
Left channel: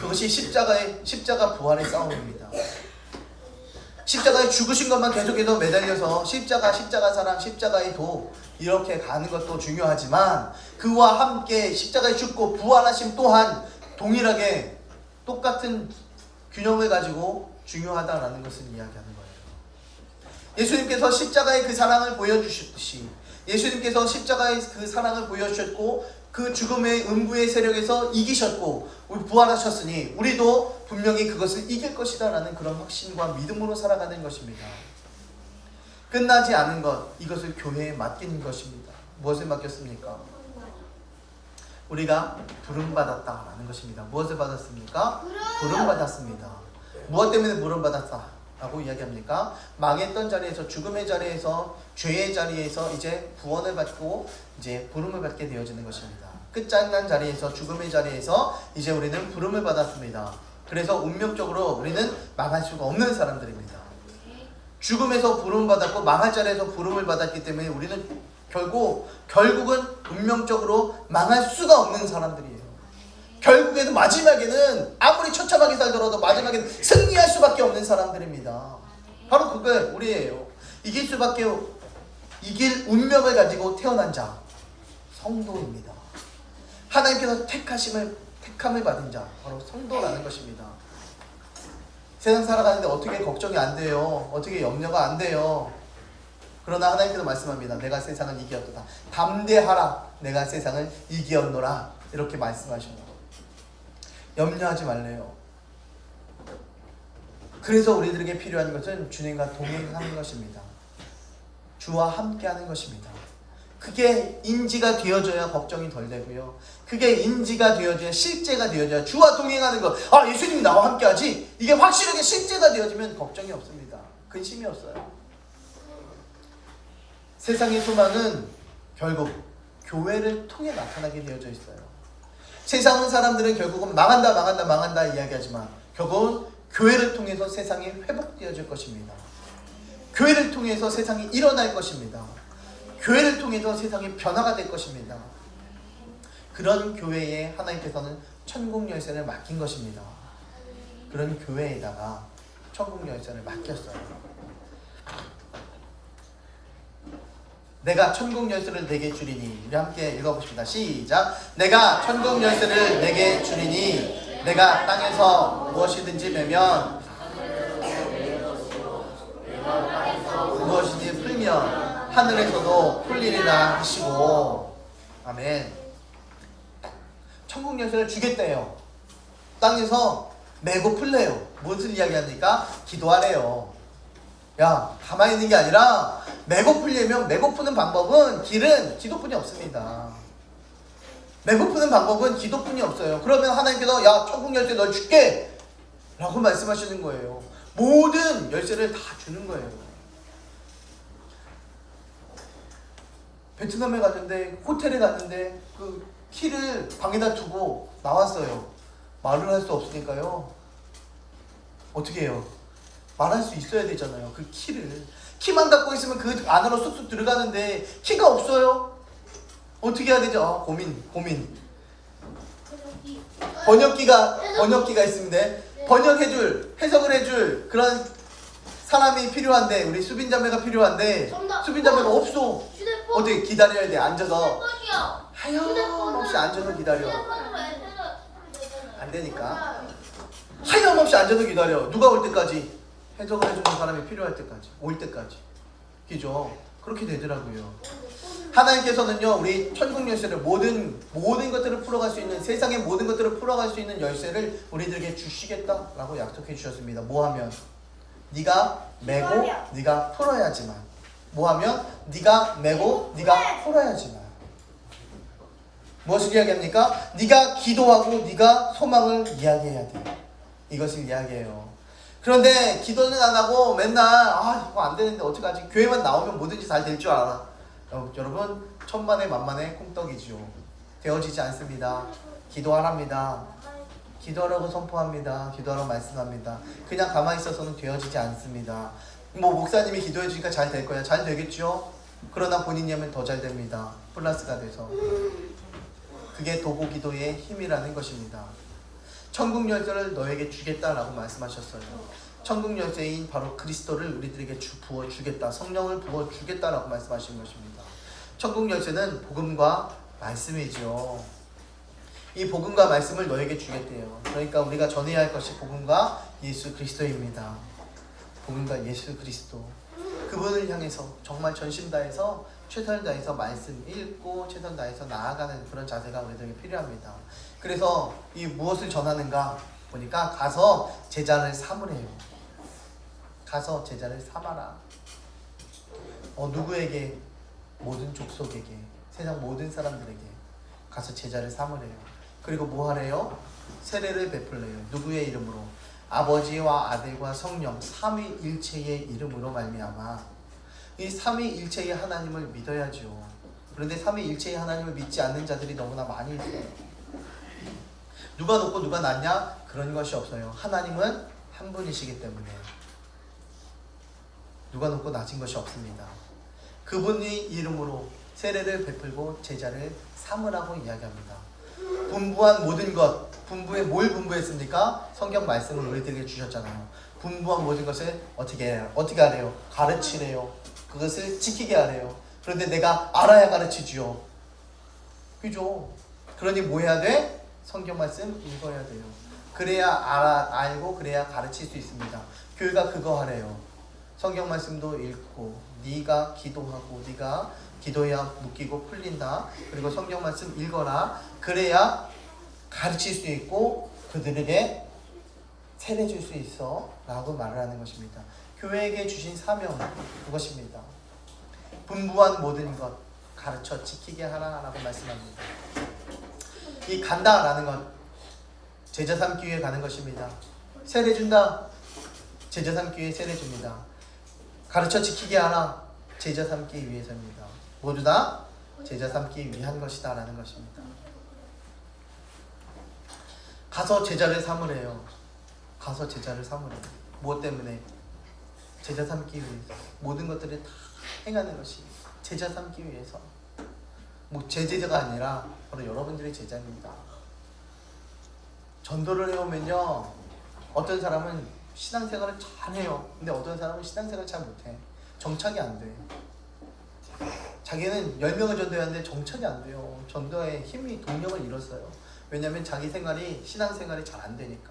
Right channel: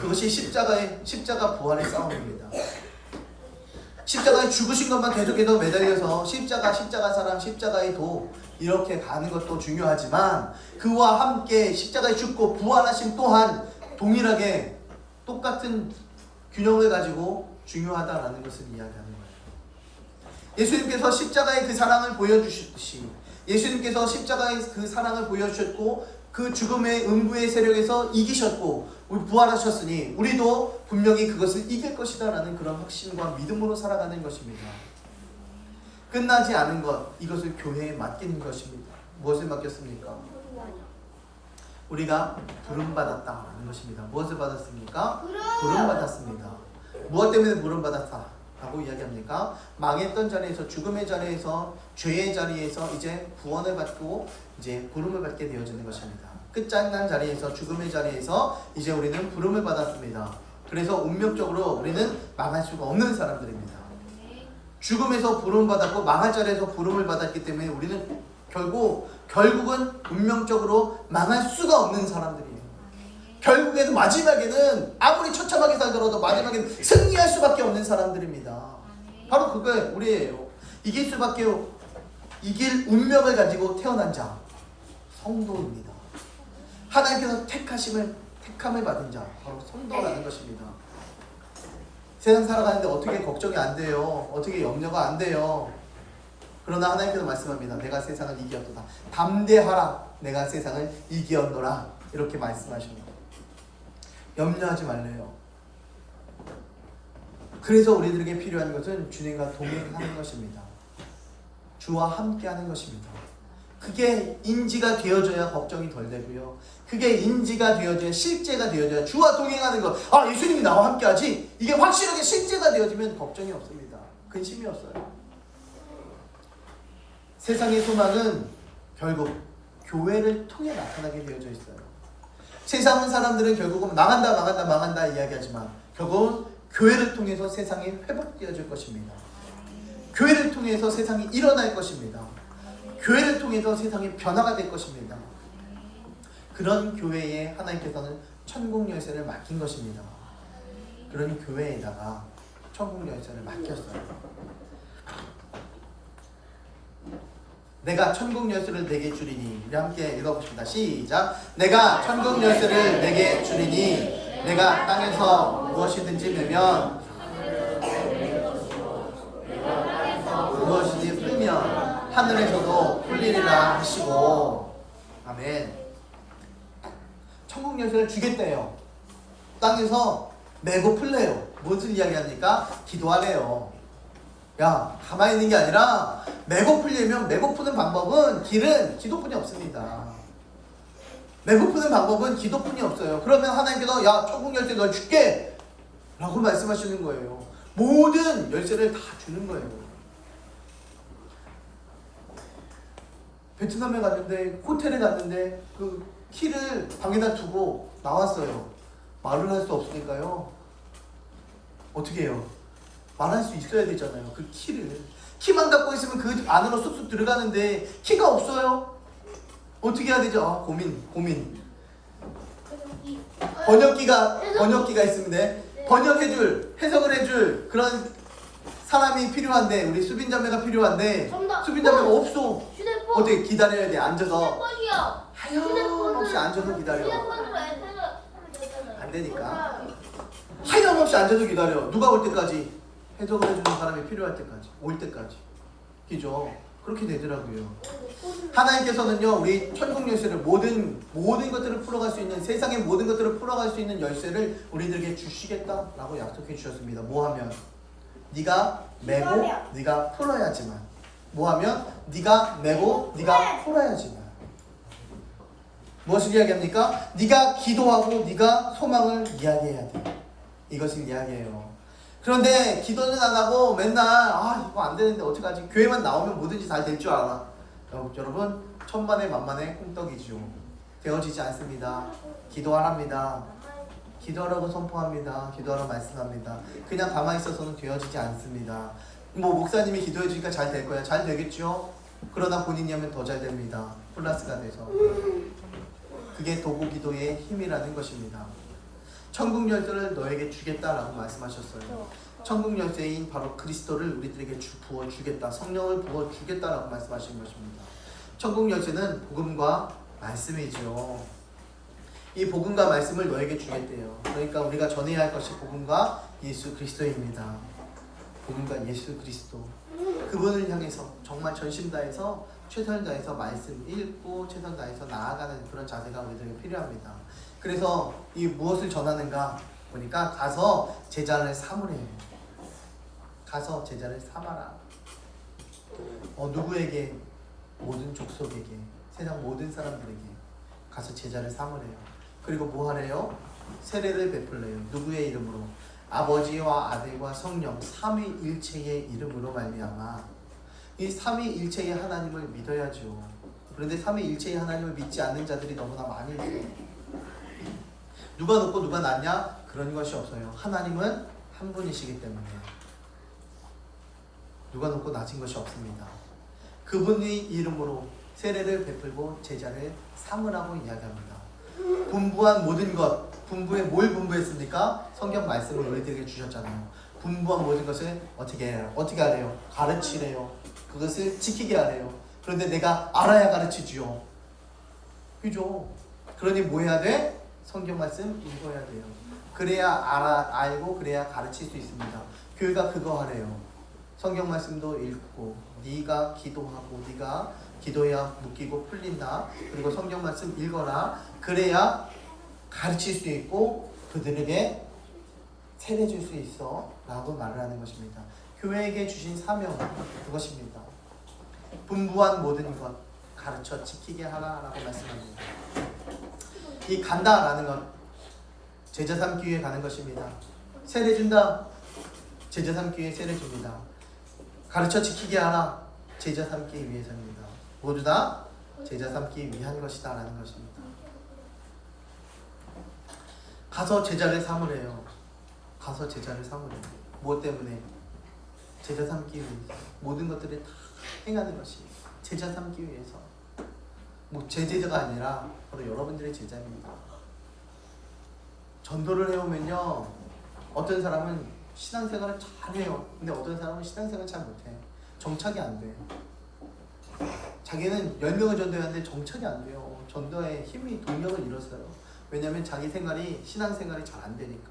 그것이 십자가 부활의 싸움입니다. 십자가에 죽으신 것만 계속해서 매달려서 십자가 사랑, 십자가의 도 이렇게 가는 것도 중요하지만, 그와 함께 십자가에 죽고 부활하심 또한 동일하게 똑같은 균형을 가지고 중요하다라는 것을 이야기하는 거예요. 예수님께서 십자가의 그 사랑을 보여주셨듯이, 예수님께서 십자가의 그 사랑을 보여주셨고 그 죽음의 음부의 세력에서 이기셨고 부활하셨으니 우리도 분명히 그것을 이길 것이다 라는 그런 확신과 믿음으로 살아가는 것입니다. 끝나지 않은 것, 이것을 교회에 맡기는 것입니다. 무엇을 맡겼습니까? 우리가 부름받았다라는 것입니다. 무엇을 받았습니까? 부름받았습니다. 무엇 때문에 부름받았다 라고 이야기합니까? 망했던 자리에서, 죽음의 자리에서, 죄의 자리에서 이제 구원을 받고 이제 부름을 받게 되어지는 것입니다. 끝장난 자리에서, 죽음의 자리에서 이제 우리는 부름을 받았습니다. 그래서 운명적으로 우리는 망할 수가 없는 사람들입니다. 죽음에서 부름을 받았고 망할 자리에서 부름을 받았기 때문에 우리는 결국은 운명적으로 망할 수가 없는 사람들이에요. 결국에는 마지막에는 아무리 처참하게 살더라도 마지막에는 승리할 수밖에 없는 사람들입니다. 바로 그게 우리예요. 이길 운명을 가지고 태어난 자, 성도입니다. 하나님께서 택함을 받은 자, 바로 성도라는 것입니다. 세상 살아가는데 어떻게 걱정이 안 돼요? 어떻게 염려가 안 돼요? 그러나 하나님께서 말씀합니다. 내가 세상을 이기었도다. 담대하라. 내가 세상을 이기었노라. 이렇게 말씀하십니다. 염려하지 말래요. 그래서 우리들에게 필요한 것은 주님과 동행하는 것입니다. 주와 함께하는 것입니다. 그게 인지가 되어져야 걱정이 덜 되고요. 그게 인지가 되어져야, 실제가 되어져야, 주와 동행하는 것, 아 예수님이 나와 함께하지, 이게 확실하게 실제가 되어지면 걱정이 없습니다. 근심이 없어요. 세상의 소망은 결국 교회를 통해 나타나게 되어져 있어요. 세상 사람들은 결국은 망한다 이야기하지만 결국은 교회를 통해서 세상이 회복되어질 것입니다. 교회를 통해서 세상이 일어날 것입니다. 교회를 통해서 세상이 변화가 될 것입니다. 그런 교회에 하나님께서는 천국 열쇠를 맡긴 것입니다. 그런 교회에다가 천국 열쇠를 맡겼어요. 내가 천국 열쇠를 내게 주리니. 우리 함께 읽어봅시다. 시작. 내가 천국 열쇠를 내게 주리니 내가 땅에서 무엇이든지 매면 무엇이든지 풀면 하늘에서도 풀리리라 하시고. 아멘. 천국 열쇠를 주겠대요. 땅에서 메고 풀래요. 무엇을 이야기합니까? 기도하래요. 야, 가만히 있는 게 아니라 메고 풀려면, 메고 푸는 방법은, 길은 기도뿐이 없습니다. 메고 푸는 방법은 기도뿐이 없어요. 그러면 하나님께서 야, 천국 열쇠 널 줄게 라고 말씀하시는 거예요. 모든 열쇠를 다 주는 거예요. 베트남에 갔는데, 호텔에 갔는데 그 키를 방에다 두고 나왔어요. 말을 할 수 없으니까요. 어떻게 해요? 말할 수 있어야 되잖아요. 그 키만 갖고 있으면 그 안으로 쑥쑥 들어가는데 키가 없어요. 어떻게 해야 되죠? 아, 고민. 번역기가 있습니다. 번역해줄, 해석을 해줄 그런 사람이 필요한데, 우리 수빈자매가 필요한데 수빈자매가 없어. 어떻게 기다려야 돼? 앉아서 하염없이 앉아서 기다려. 안 되니까 하염없이 앉아서 기다려. 누가 올 때까지? 해석을 해주는 사람이 필요할 때까지, 올 때까지. 그죠? 그렇게 되더라고요. 하나님께서는요, 우리 천국 열쇠를 모든 것들을 풀어갈 수 있는, 세상의 모든 것들을 풀어갈 수 있는 열쇠를 우리들에게 주시겠다라고 약속해 주셨습니다. 뭐하면? 네가 메고 네가 풀어야지만. 뭐하면? 네가 메고 네가 풀어야지만. 무엇을 이야기합니까? 네가 기도하고 네가 소망을 이야기해야 돼. 이것을 이야기해요. 그런데 기도는 안 하고 맨날 이거 안 되는데 어떡하지? 교회만 나오면 뭐든지 잘 될 줄 알아. 여러분, 천만의 만만의 콩떡이죠. 되어지지 않습니다. 기도하랍니다. 기도하라고 선포합니다. 기도하라고 말씀합니다. 그냥 가만히 있어서는 되어지지 않습니다. 목사님이 기도해 주니까 잘 될 거야. 잘 되겠죠? 그러나 본인이 하면 더 잘 됩니다. 플러스가 돼서. 그게 도구 기도의 힘이라는 것입니다. 천국 열쇠를 너에게 주겠다라고 말씀하셨어요. 천국 열쇠인 바로 그리스도를 우리들에게 부어주겠다, 성령을 부어주겠다라고 말씀하신 것입니다. 천국 열쇠는 복음과 말씀이죠. 이 복음과 말씀을 너에게 주겠대요. 그러니까 우리가 전해야 할 것이 복음과 예수 그리스도입니다. 복음과 예수 그리스도, 그분을 향해서 정말 전심 다해서 최선을 다해서 말씀 읽고 최선 다해서 나아가는 그런 자세가 우리들에게 필요합니다. 그래서 이 무엇을 전하는가 보니까 가서 제자를 삼으래요. 가서 제자를 삼아라. 누구에게? 모든 족속에게, 세상 모든 사람들에게 가서 제자를 삼으래요. 그리고 뭐 하래요? 세례를 베풀래요. 누구의 이름으로? 아버지와 아들과 성령 삼위일체의 이름으로 말미암아. 이 삼위일체의 하나님을 믿어야죠. 그런데 삼위일체의 하나님을 믿지 않는 자들이 너무나 많이 있어요. 누가 높고 누가 낮냐? 그런 것이 없어요. 하나님은 한 분이시기 때문에 누가 높고 낮은 것이 없습니다. 그분의 이름으로 세례를 베풀고 제자를 삼으라고 이야기합니다. 분부한 모든 것, 분부에 뭘 분부했습니까? 성경 말씀을 우리들에게 주셨잖아요. 분부한 모든 것을 어떻게 해요? 어떻게 하래요? 가르치래요. 그것을 지키게 하래요. 그런데 내가 알아야 가르치지요. 그죠? 그러니 뭐 해야 돼? 성경 말씀 읽어야 돼요. 그래야 알고 그래야 가르칠 수 있습니다. 교회가 그거 하래요. 성경 말씀도 읽고 네가 기도하고 네가 기도해야 묶이고 풀린다. 그리고 성경 말씀 읽어라. 그래야 가르칠 수 있고 그들에게 세례 줄 수 있어 라고 말을 하는 것입니다. 교회에게 주신 사명 그것입니다. 분부한 모든 것 가르쳐 지키게 하라 라고 말씀합니다. 이 간다라는 것 제자 삼기 위해 가는 것입니다. 세례 준다. 제자 삼기 위해 세례 줍니다. 가르쳐 지키게 하라. 제자 삼기 위해서입니다. 모두 다 제자 삼기 위한 것이다 라는 것입니다. 가서 제자를 삼으래요. 가서 제자를 삼으라. 무엇 때문에? 제자 삼기 위해 모든 것들을 다 행하는 것이 제자 삼기 위해서. 뭐 제 제자가 아니라 바로 여러분들의 제자입니다. 전도를 해오면요, 어떤 사람은 신앙생활을 잘해요. 근데 어떤 사람은 신앙생활을 잘 못해. 정착이 안 돼. 자기는 10명을 전도했는데 정착이 안 돼요. 전도에 힘이 동력을 잃었어요. 왜냐하면 자기 생활이 신앙생활이 잘 안 되니까.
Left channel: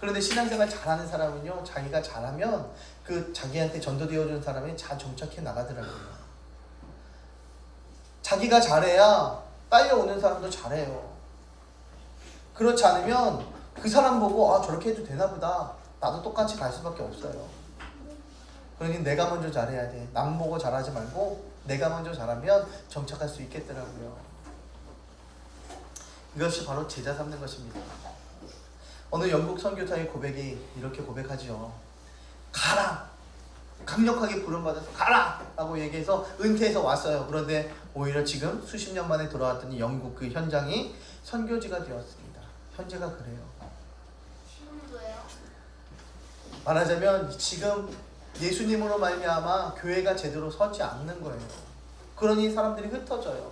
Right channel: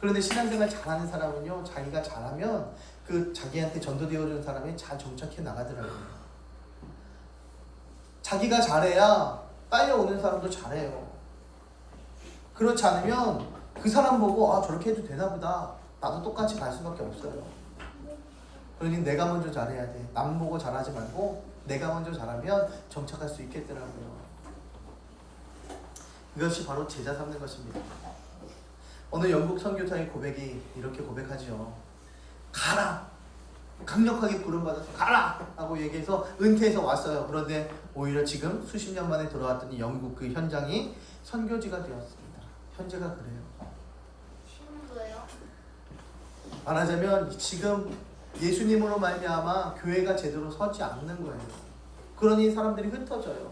그런데 신앙생활 잘하는 사람은요, 자기가 잘하면 그 자기한테 전도되어준 사람이 잘 정착해 나가더라고요. 자기가 잘해야 딸려오는 사람도 잘해요. 그렇지 않으면 그 사람 보고 아, 저렇게 해도 되나 보다, 나도 똑같이 갈 수밖에 없어요. 그러니 내가 먼저 잘해야 돼. 남 보고 잘하지 말고 내가 먼저 잘하면 정착할 수 있겠더라고요. 이것이 바로 제자 삼는 것입니다. 어느 영국 선교사의 고백이 이렇게 고백하죠. 가라! 강력하게 부름받아서 가라! 라고 얘기해서 은퇴해서 왔어요. 그런데 오히려 지금 수십 년 만에 돌아왔더니 영국 그 현장이 선교지가 되었습니다. 현재가 그래요. 지금도요? 말하자면 지금 예수님으로 말미암아 교회가 제대로 서지 않는 거예요. 그러니 사람들이 흩어져요.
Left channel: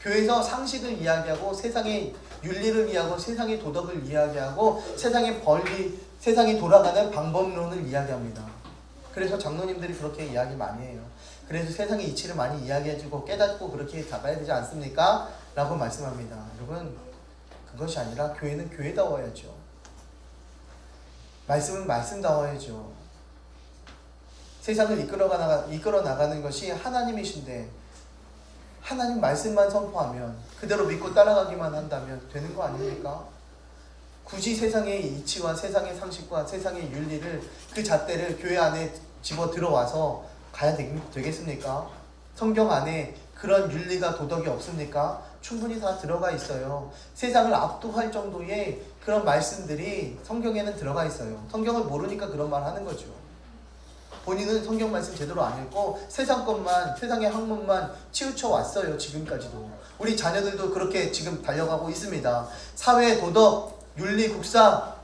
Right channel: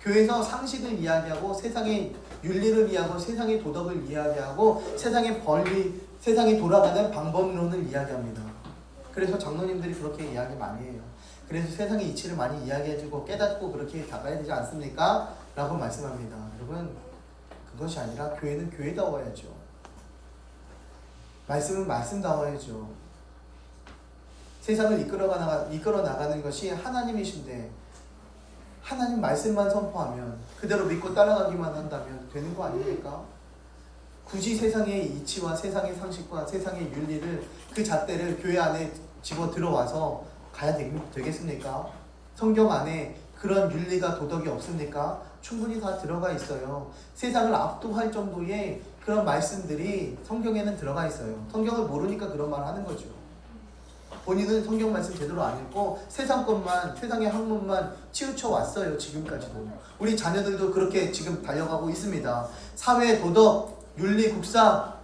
교회에서 상식을 이야기하고 세상의 윤리를 이야기하고 세상의 도덕을 이야기하고 세상의 권리, 세상이 돌아가는 방법론을 이야기합니다. 그래서 장로님들이 그렇게 이야기 많이 해요. 그래서 세상의 이치를 많이 이야기해주고 깨닫고 그렇게 나가야 되지 않습니까? 라고 말씀합니다. 여러분, 그것이 아니라 교회는 교회다워야죠. 말씀은 말씀다워야죠. 세상을 이끌어 나가는 것이 하나님이신데 하나님 말씀만 선포하면 그대로 믿고 따라가기만 한다면 되는 거 아닙니까? 굳이 세상의 이치와 세상의 상식과 세상의 윤리를 그 잣대를 교회 안에 집어 들어와서 가야 되겠습니까? 성경 안에 그런 윤리가 도덕이 없습니까? 충분히 다 들어가 있어요. 세상을 압도할 정도의 그런 말씀들이 성경에는 들어가 있어요. 성경을 모르니까 그런 말 하는 거죠. 본인은 성경 말씀 제대로 안 읽고 세상 것만, 세상의 학문만 치우쳐 왔어요. 지금까지도. 우리 자녀들도 그렇게 지금 달려가고 있습니다. 사회, 도덕, 윤리, 국사,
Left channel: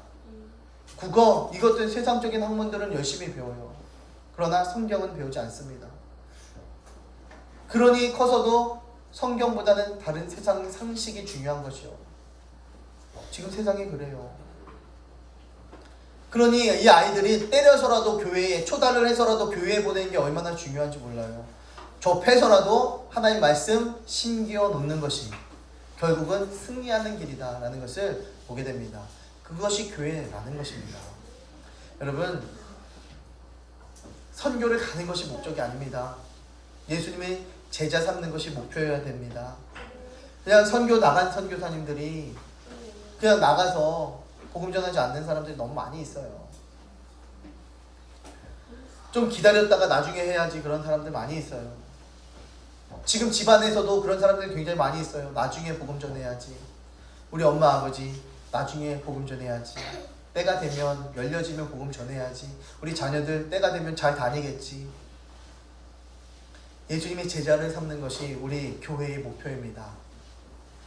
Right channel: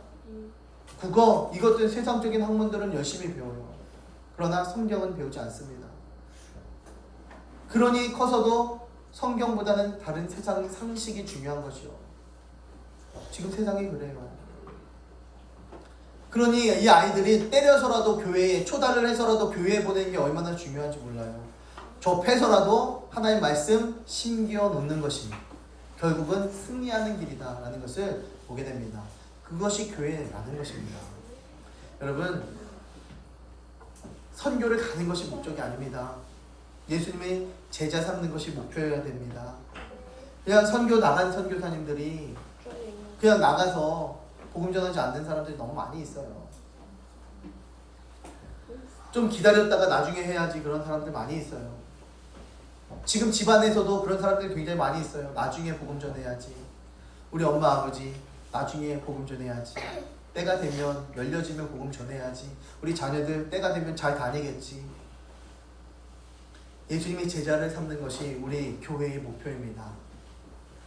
국어, 이것들 세상적인 학문들은 열심히 배워요. 그러나 성경은 배우지 않습니다. 그러니 커서도 성경보다는 다른 세상 상식이 중요한 것이요. 지금 세상이 그래요. 그러니 이 아이들이 때려서라도 교회에, 초달을 해서라도 교회에 보내는 게 얼마나 중요한지 몰라요. 좁혀서라도 하나님 말씀 심기어 놓는 것이 결국은 승리하는 길이다 라는 것을 보게 됩니다. 그것이 교회라는 것입니다. 여러분, 선교를 가는 것이 목적이 아닙니다. 예수님의 제자 삼는 것이 목표여야 됩니다. 그냥 선교 나간 선교사님들이 그냥 나가서 복음 전하지 않는 사람들이 너무 많이 있어요. 좀 기다렸다가 나중에 해야지 그런 사람들 많이 있어요. 지금 집안에서도 그런 사람들이 굉장히 많이 있어요. 나중에 복음 전해야지. 우리 엄마 아버지 나중에 복음 전해야지. 때가 되면 열려지면 복음 전해야지. 우리 자녀들 때가 되면 잘 다니겠지. 예수님의 제자를 삼는 것이 우리 교회의 목표입니다.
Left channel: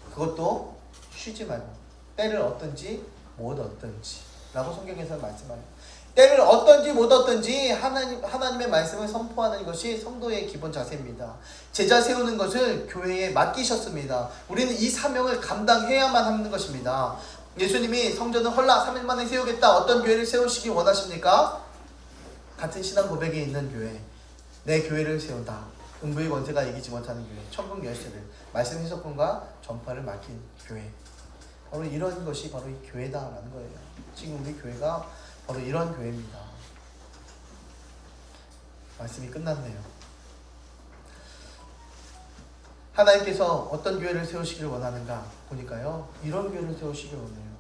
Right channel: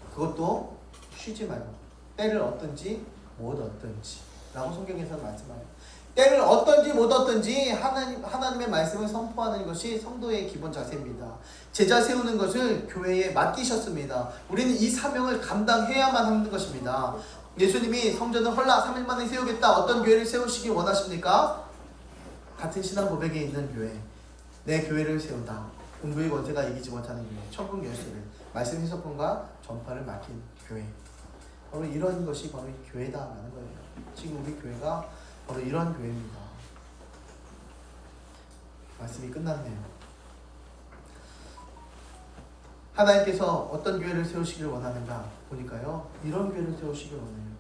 그것도 쉬지 말고 때를 얻든지 못 얻든지 라고 성경에서 말씀합니다. 때를 얻든지 못 얻든지 하나님의 말씀을 선포하는 것이 성도의 기본 자세입니다. 제자 세우는 것을 교회에 맡기셨습니다. 우리는 이 사명을 감당해야만 하는 것입니다. 예수님이 성전을 헐라 3일 만에 세우겠다. 어떤 교회를 세우시기 원하십니까? 같은 신앙 고백에 있는 교회, 내 교회를 세운다. 음부의 권세가 이기지 못하는 교회, 천국 열쇠를 말씀 해석권과 전파를 맡긴 교회. 바로 이런 것이 바로 이 교회다라는 거예요. 지금 우리 교회가 바로 이런 교회입니다. 말씀이 끝났네요. 하나님께서 어떤 교회를 세우시길 원하는가 보니까요, 이런 교회를 세우시길 원해요.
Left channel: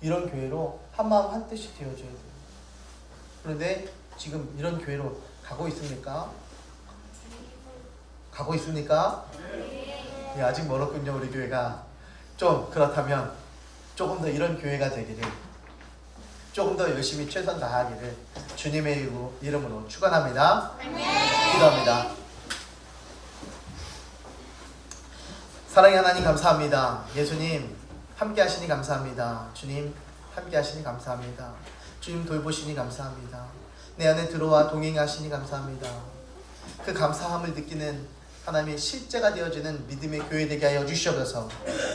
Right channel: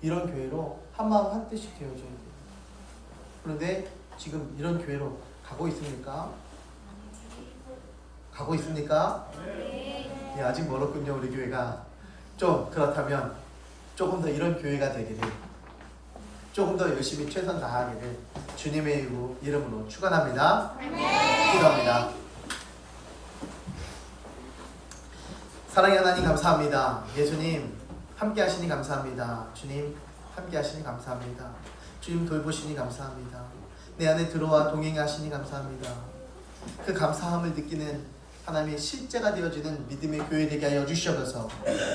이런 교회로 한마음 한뜻이 되어져야 돼요. 그런데 지금 이런 교회로 가고 있습니까? 가고 있습니까? 네, 아직 멀었군요. 우리 교회가. 좀 그렇다면 조금 더 이런 교회가 되기를, 조금 더 열심히 최선 다하기를 주님의 이름으로 축원합니다. 기도합니다. 사랑의 하나님 감사합니다. 예수님 함께 하시니 감사합니다. 주님 함께 하시니 감사합니다. 주님 돌보시니 감사합니다. 내 안에 들어와 동행하시니 감사합니다. 그 감사함을 느끼는 하나님의 실제가 되어지는 믿음의 교회 되게 하여 주시옵소서.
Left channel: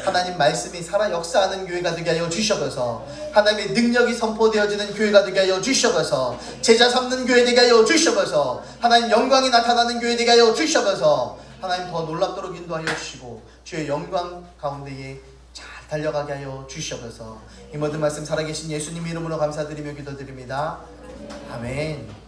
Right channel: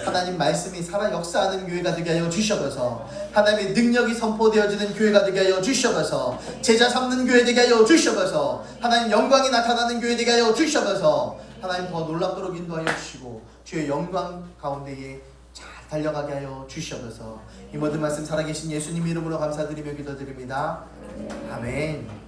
하나님 말씀이 살아 역사하는 교회가 되게 하여 주시옵소서. 하나님의 능력이 선포되어지는 교회가 되게 하여 주시옵소서. 제자 삼는 교회 되게 하여 주시옵소서. 하나님 영광이 나타나는 교회 되게 하여 주시옵소서. 하나님 더 놀랍도록 인도하여 주시고 주의 영광 가운데에 잘 달려가게 하여 주시옵소서. 이 모든 말씀 살아계신 예수님 이름으로 감사드리며 기도드립니다. 아멘.